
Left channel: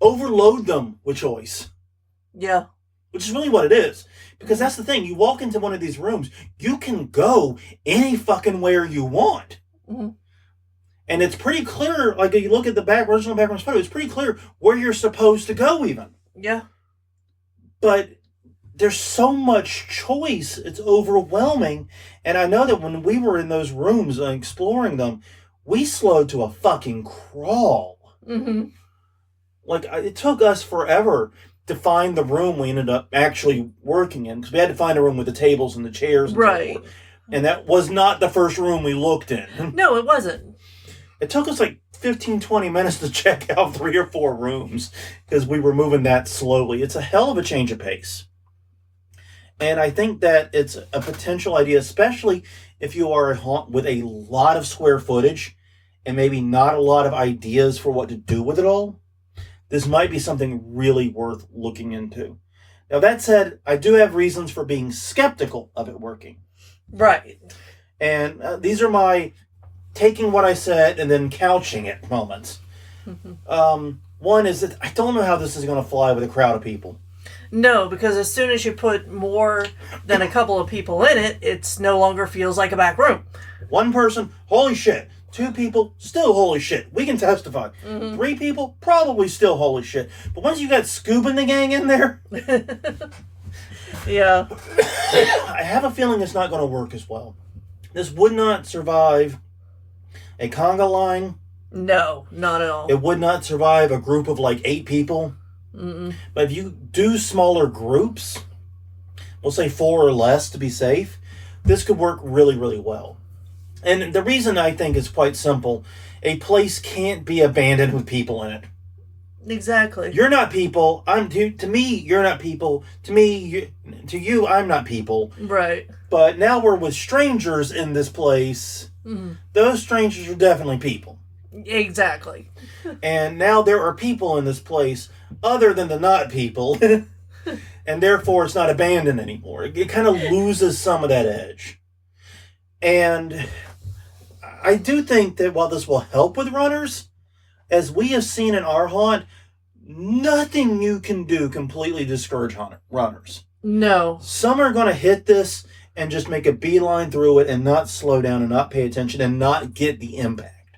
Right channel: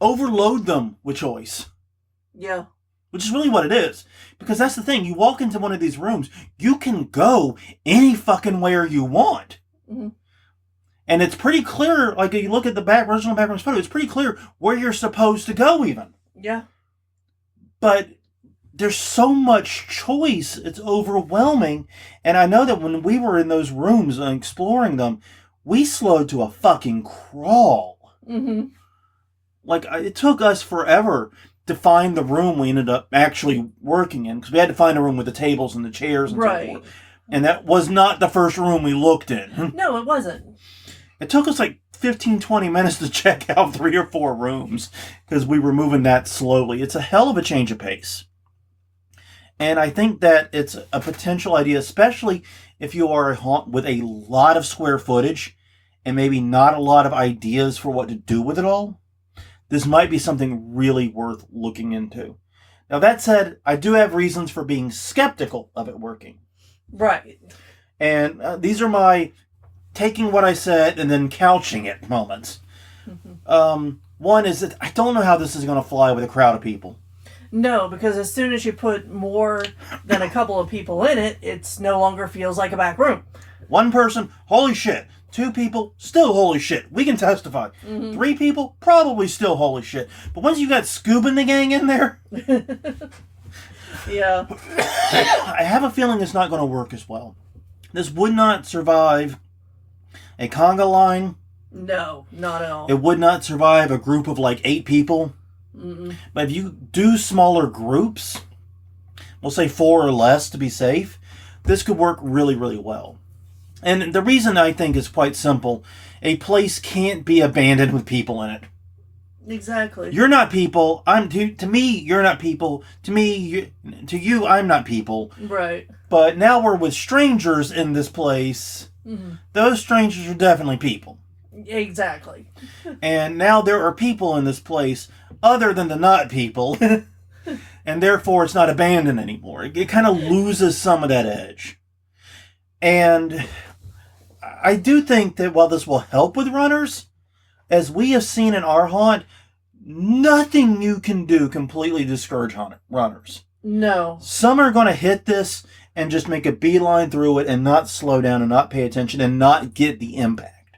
overload them with choice. Yeah. Which is really what it is. Because that's the thing. You walk into one of these rooms, you can go any fucking where you want. Mm-hmm. And it's pretty clear, like if you look at the original background photo, it's pretty clear where you're supposed to go even. Yeah. But there's so much choice, it's overwhelming. And I know that when we were in those rooms and exploring them, we slowed to a fucking crawl. Mm-hmm. Like, it took us forever to find the room we ended up actually working in, because we had to find a room with the tables and the chairs and so forth. And that was not the first room we looked in. No, it wasn't. It took us like 15, 20 minutes to check out 3 or 4 rooms, because we were moving that slowly. It's a hell of a change of pace. And I think that it's a potential idea, especially if you are a haunt with a lot of square footage and maybe not a lot of ideas for what to do with it all. This might be something really worth looking into. Now, that said, I do have reasons for being skeptical of it working. Right. And these are my taking what I said and then couching it moments. Mm-hmm. One is that I don't know how this is going to fly with a crowd of people. No, because as soon as you put more than a couple of people in it, it no longer feels like a back room. 1 person, holy shit. 2 people, still holy shit. We can testify. Mm-hmm. 3 people, probably still holy shit. But once you got Scoob and the gang in there... Yeah. I have a feeling it's not going to work as well. This would not survive a conga line. No, not at all. It would not survive a group of like 8 people. Mm-mm. But if you do smaller groups, we'll say 4 or less to be safe, this could work really, really well. And the reason I think is quite simple. A place can't be abandoned with people in it. Exactly. You're not people. To me, you're not people. To you, I'm not people. Right. But now we're with strangers in this place. Mm-hmm. Those strangers are definitely people. Exactly. And now there are people in this place other than the not people. And therefore it's not abandoned anymore. It kind of loses some of that edge. And I do think that while this will help with runners, as we have seen in our haunt, nothing you can do completely discourage runners. No. Some are going to hit this and just make a beeline through it and not slow down and not pay attention and not get the impact.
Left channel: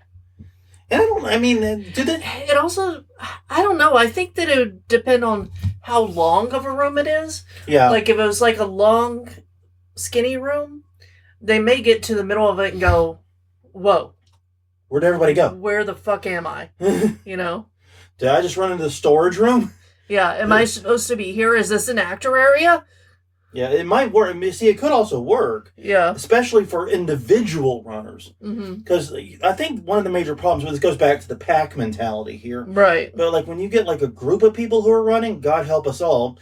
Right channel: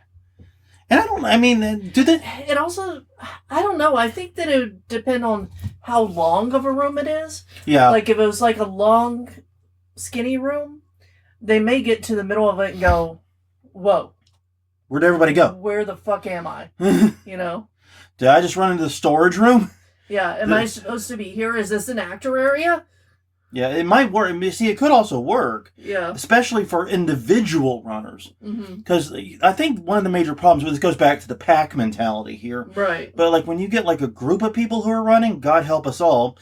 And do they... It also, I don't know, I think that it would depend on how long of a room it is. Yeah. Like if it was like a long, skinny room, they may get to the middle of it and go, whoa. Where'd everybody go? Where the fuck am I? You know? Did I just run into the storage room? Yeah. Am I supposed to be here? Is this an actor area? Yeah, it might work. See, it could also work. Yeah. Especially for individual runners. Because I think one of the major problems, this goes back to the pack mentality here. Right. But like when you get like a group of people who are running, God help us all,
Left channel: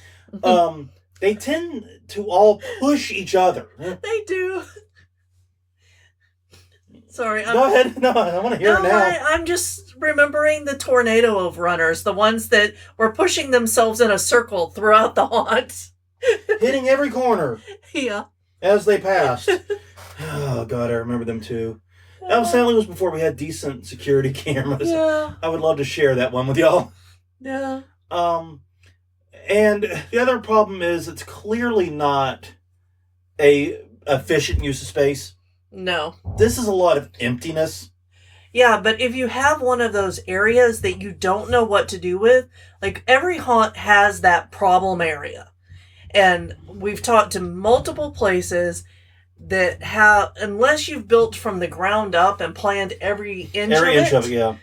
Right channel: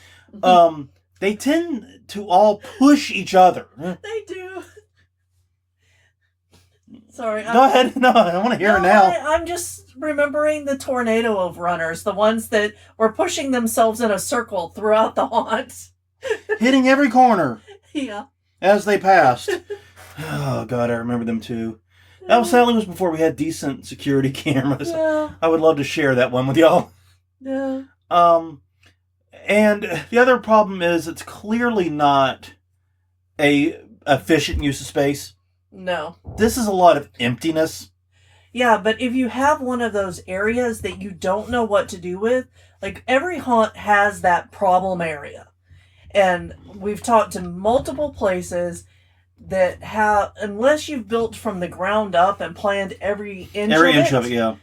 they tend to all push each other. They do. Sorry. Go ahead. No, I want to hear it now. I'm just remembering the tornado of runners, the ones that were pushing themselves in a circle throughout the haunt. Hitting every corner. Yeah. As they passed. Oh, God, I remember them too. That sadly was before we had decent security cameras. Yeah. I would love to share that one with y'all. Yeah. And the other problem is it's clearly not a efficient use of space. No. This is a lot of emptiness. Yeah, but if you have one of those areas that you don't know what to do with, like every haunt has that problem area. And we've talked to multiple places that have, unless you've built from the ground up and planned every inch of it, yeah.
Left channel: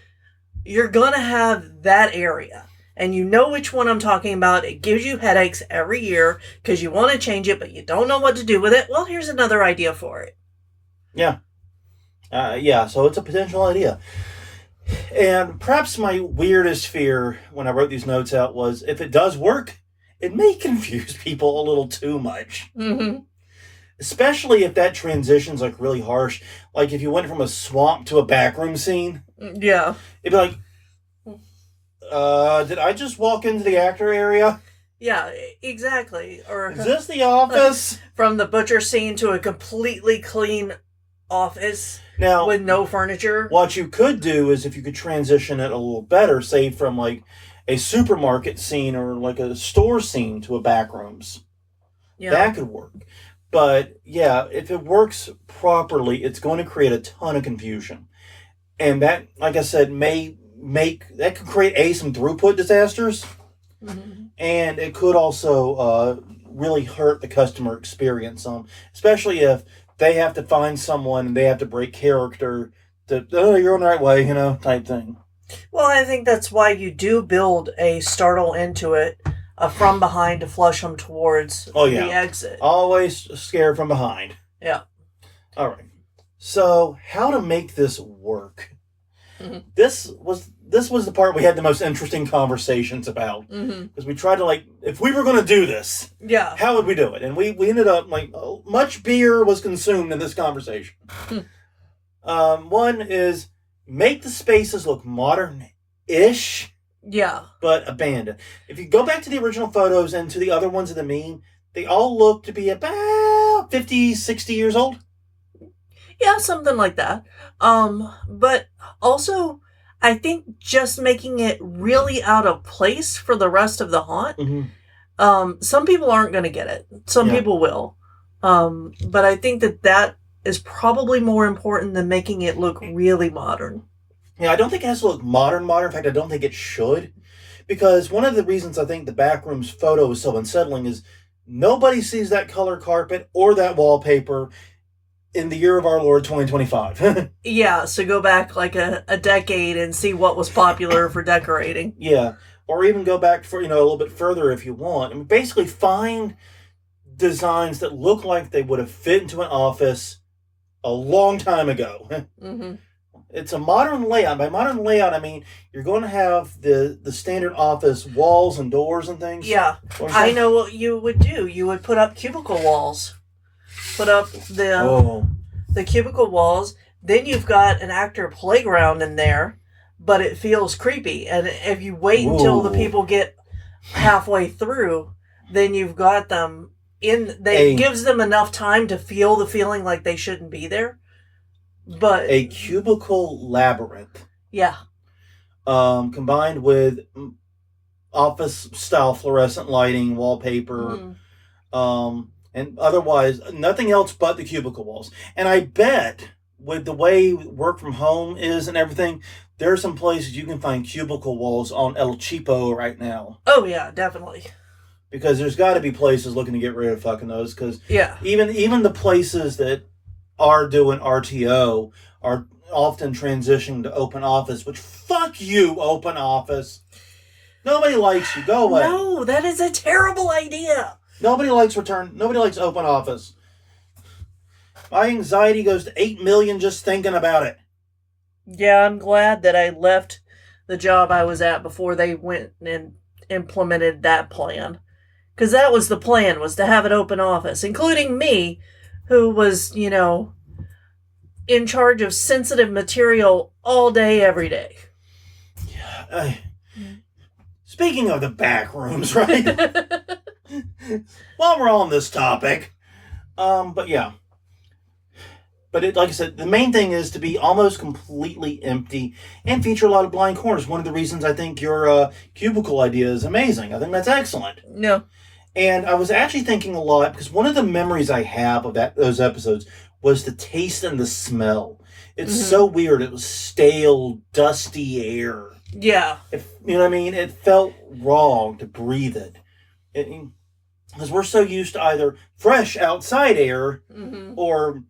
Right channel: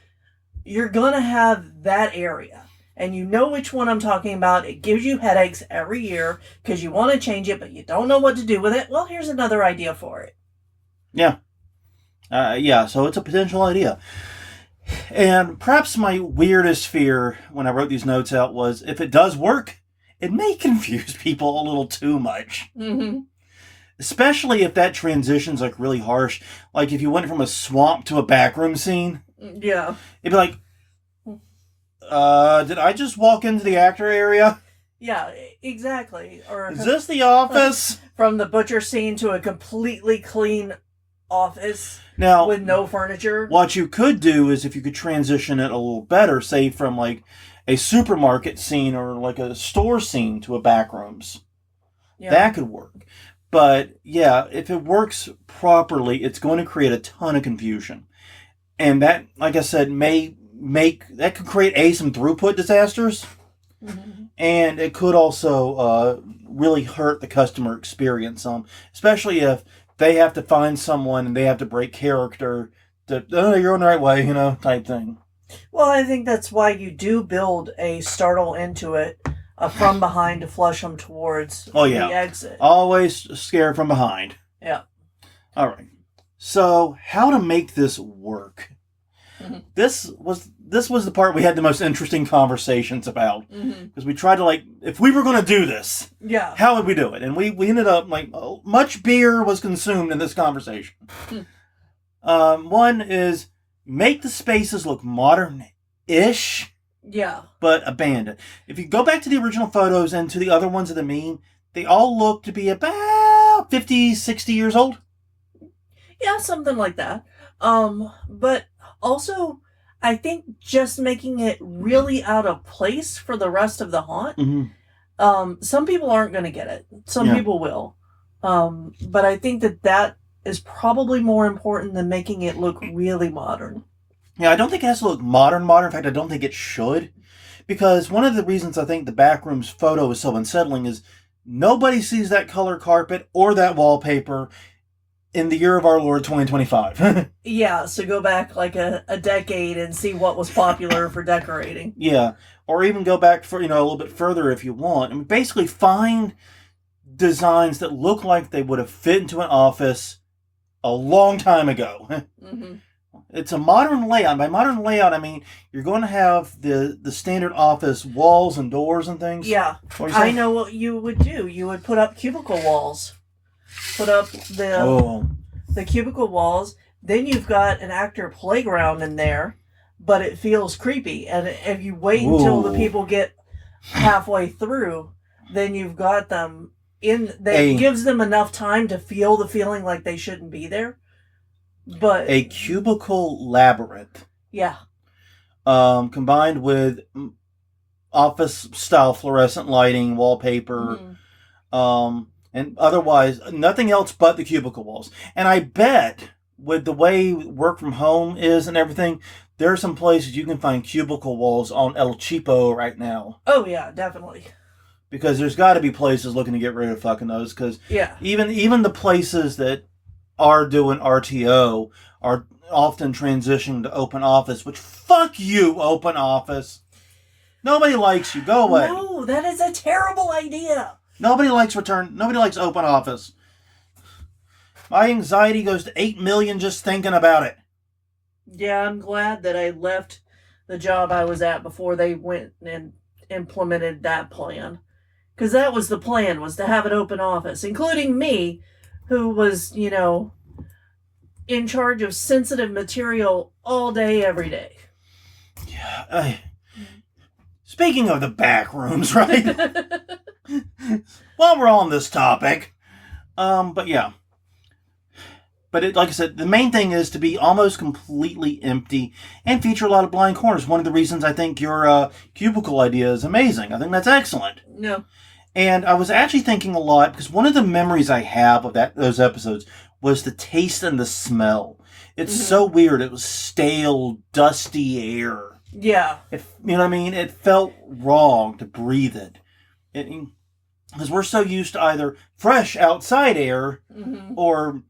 You're going to have that area. And you know which one I'm talking about. It gives you headaches every year because you want to change it, but you don't know what to do with it. Well, here's another idea for it. Yeah. So it's a potential idea. And perhaps my weirdest fear when I wrote these notes out was if it does work, it may confuse people a little too much. Mm-hmm. Especially if that transition's like really harsh. Like if you went from a swamp to a backroom scene. Yeah. It'd be like, did I just walk into the actor area? Yeah, exactly. Or is this the office? From the butcher scene to a completely clean office now with no furniture. What you could do is if you could transition it a little better, say from like a supermarket scene or like a store scene to a backrooms. Yeah. That could work. But yeah, if it works properly, it's going to create a ton of confusion. And that, like I said, that could create some throughput disasters. Mm-hmm. And it could also really hurt the customer experience. Especially if they have to find someone and they have to break character that, you're on the right way, type thing. Well, I think that's why you do build a startle into it from behind to flush them towards the exit. Always scare from behind. Yeah. All right. So, how to make this work? Mm-hmm. This was the part we had the most interesting conversations about. Because we tried to, if we were going to do this, how would we do it? And we ended up, much beer was consumed in this conversation. One is make the spaces look modern-ish. Yeah. But abandoned. If you go back to the original photos and to the other ones of the meme, they all look to be about 50, 60 years old. Yeah, something like that. But also, I think just making it really out of place for the rest of the haunt. Mm-hmm. Some people aren't going to get it. Some people will. But I think that is probably more important than making it look really modern. Yeah, I don't think it has to look modern. In fact, I don't think it should. Because one of the reasons I think the Backrooms photo is so unsettling is nobody sees that color carpet or that wallpaper in the year of our Lord 2025. Yeah, so go back a decade and see what was popular for decorating. Yeah, or even go back for a little bit further if you want. I mean, basically find designs that look like they would have fit into an office a long time ago. Mm-hmm. It's a modern layout. By modern layout, I mean you're going to have the standard office walls and doors and things. Yeah, I know what you would do. You would put up cubicle walls. Put up the cubicle walls. Then you've got an actor playground in there, but it feels creepy. And if you wait until the people get halfway through, then you've got them in. It gives them enough time to feel the feeling like they shouldn't be there. But a cubicle labyrinth. Yeah. Combined with office style fluorescent lighting, wallpaper, and otherwise nothing else but the cubicle walls. And I bet with the way work from home is and everything, there are some places you can find cubicle walls on El Cheapo right now. Oh yeah, definitely. Because there's got to be places looking to get rid of fucking those. Because even the places that are doing RTO are often transitioning to open office, which fuck you, open office. Nobody likes you. Go away. No, that is a terrible idea. Nobody likes open office. My anxiety goes to 8 million just thinking about it. Yeah, I'm glad that I left the job I was at before they went and implemented that plan. Because that was the plan, was to have an open office, including me, who was, in charge of sensitive material all day, every day. Yeah. Speaking of the back rooms, right? While we're on this topic, but yeah. But like I said, the main thing is to be almost completely empty and feature a lot of blind corners. One of the reasons I think your cubicle idea is amazing. I think that's excellent. No. And I was actually thinking a lot, because one of the memories I have of those episodes was the taste and the smell. It's so weird. It was stale, dusty air. Yeah. You know what I mean? It felt wrong to breathe it. Because we're so used to either fresh outside air or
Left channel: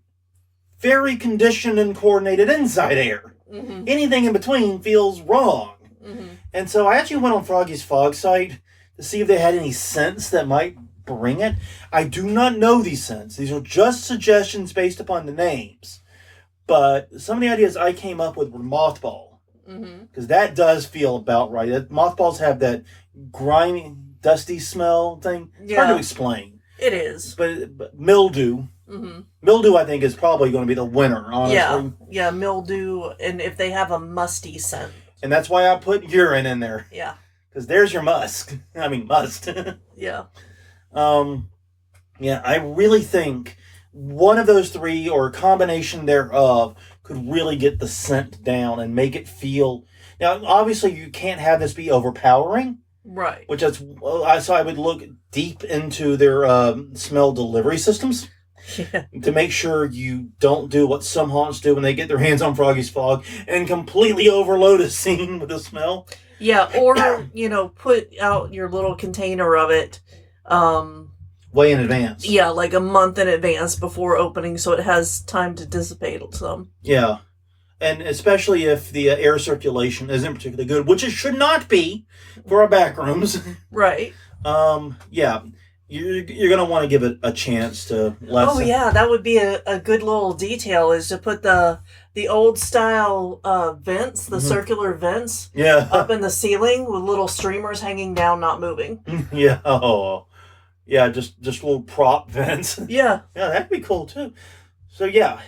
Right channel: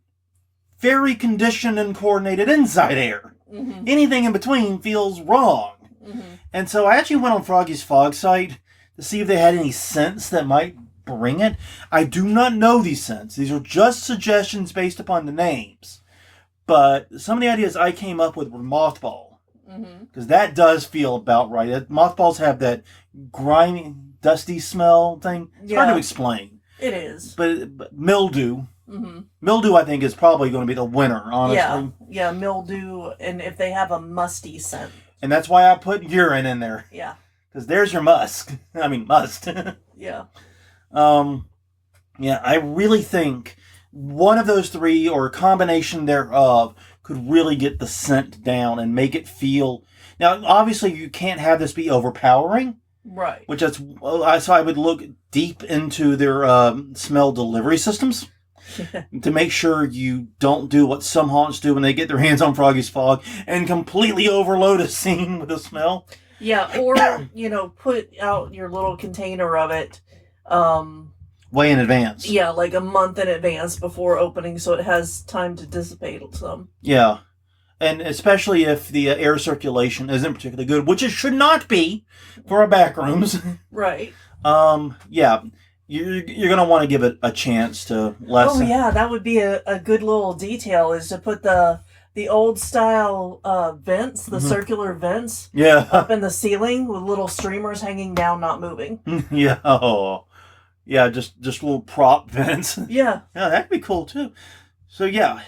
very conditioned and coordinated inside air. Anything in between feels wrong. And so I actually went on Froggy's Fog site to see if they had any scents that might bring it. I do not know these scents. These are just suggestions based upon the names. But some of the ideas I came up with were mothball. Because that does feel about right. Mothballs have that grimy, dusty smell thing. It's hard to explain. It is. But mildew. Mildew, I think, is probably going to be the winner, honestly. Yeah, mildew, and if they have a musty scent. And that's why I put urine in there. Yeah. Because there's your must. Yeah. Yeah, I really think one of those three, or a combination thereof, could really get the scent down and make it feel... Now, obviously, you can't have this be overpowering. Right. So I would look deep into their smell delivery systems. To make sure you don't do what some haunts do when they get their hands on Froggy's Fog and completely overload a scene with the smell. Yeah, or, put out your little container of it. Way in advance. Yeah, like a month in advance before opening, so it has time to dissipate some. Yeah. And especially if the air circulation isn't particularly good, which it should not be for our back rooms. Right. Yeah. You're going to want to give it a chance to lessen. Oh, yeah, that would be a good little detail, is to put the old style vents, the circular vents, up in the ceiling with little streamers hanging down, not moving. Yeah. Oh. Yeah, just little prop vents. Yeah. Yeah, that'd be cool, too. So, yeah.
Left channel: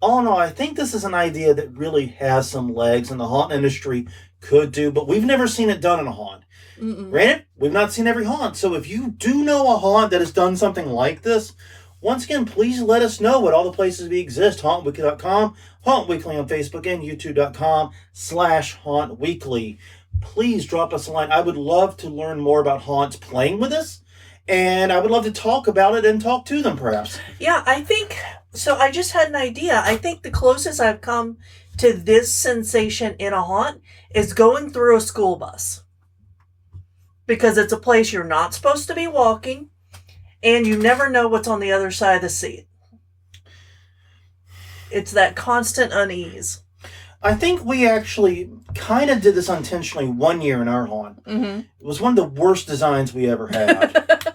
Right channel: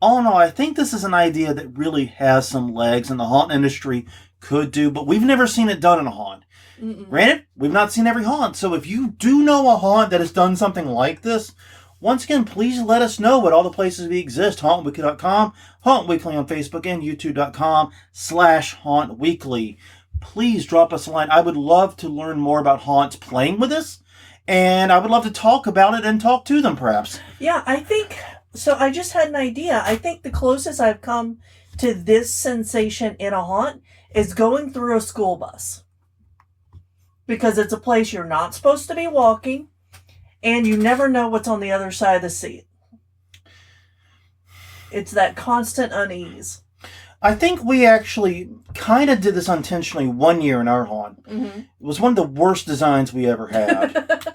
All in all, I think this is an idea that really has some legs and the haunt industry could do, but we've never seen it done in a haunt. Granted, we've not seen every haunt, so if you do know a haunt that has done something like this, once again, please let us know at all the places we exist. HauntWeekly.com, Haunt Weekly on Facebook, and YouTube.com/HauntWeekly. Please drop us a line. I would love to learn more about haunts playing with us, and I would love to talk about it and talk to them, perhaps. Yeah, I think... So I just had an idea. I think the closest I've come to this sensation in a haunt is going through a school bus. Because it's a place you're not supposed to be walking, and you never know what's on the other side of the seat. It's that constant unease. I think we actually kind of did this unintentionally one year in our haunt. It was one of the worst designs we ever had.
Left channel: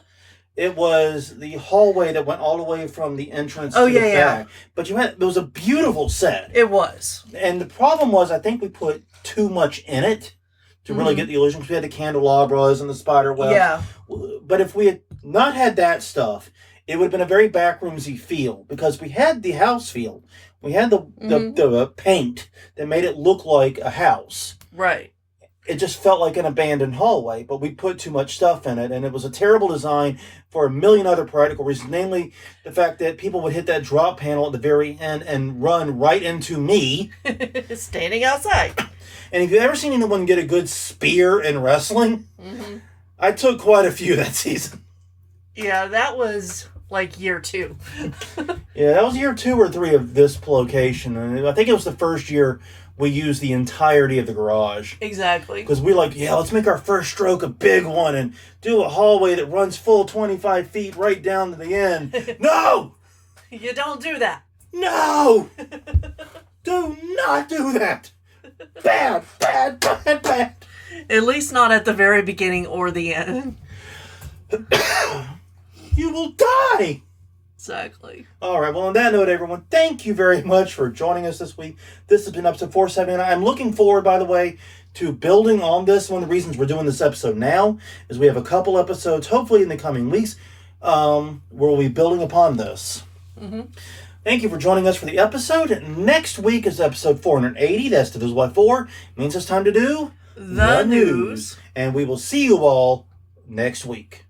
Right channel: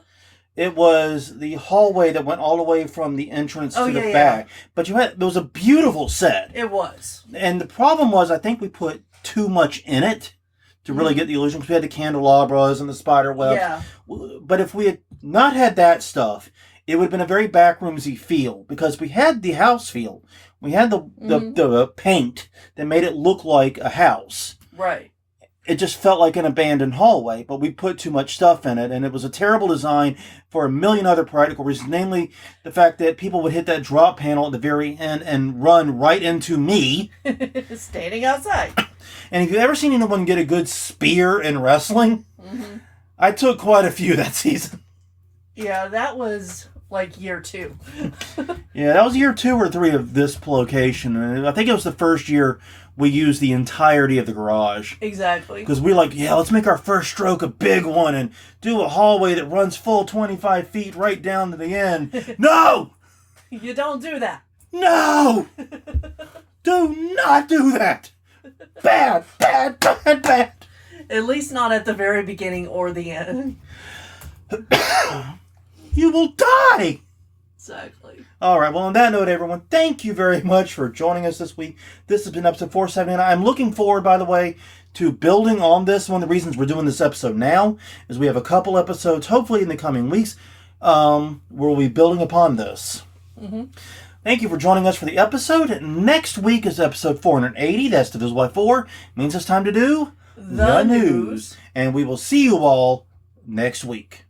It was the hallway that went all the way from the entrance to the back. But it was a beautiful set. It was. And the problem was, I think we put too much in it to really get the illusion, because we had the candelabras and the spider webs. Yeah. But if we had not had that stuff, it would have been a very backroomsy feel, because we had the house feel. We had the paint that made it look like a house. Right. It just felt like an abandoned hallway, but we put too much stuff in it, and it was a terrible design for a million other practical reasons, namely the fact that people would hit that drop panel at the very end and run right into me. Standing outside. And if you've ever seen anyone get a good spear in wrestling, I took quite a few that season. Yeah, that was like year 2. Yeah, that was year 2 or 3 of this location. And I think it was the first year we used the entirety of the garage. Exactly. Because we let's make our first stroke a big one and do a hallway that runs full 25 feet right down to the end. No! You don't do that. No! Do not do that! Bad, bad, bad, bad. At least not at the very beginning or the end. you will die. Exactly. All right. Well, on that note, everyone, thank you very much for joining us this week. This has been episode 479. I'm looking forward, by the way, to building on this. One of the reasons we're doing this episode now is we have a couple episodes, hopefully in the coming weeks, where we'll be building upon this. Mm-hmm. Thank you for joining us for the episode. Next week is episode 480. That's divisible by 4. It means it's time to do The news. And we will see you all next week.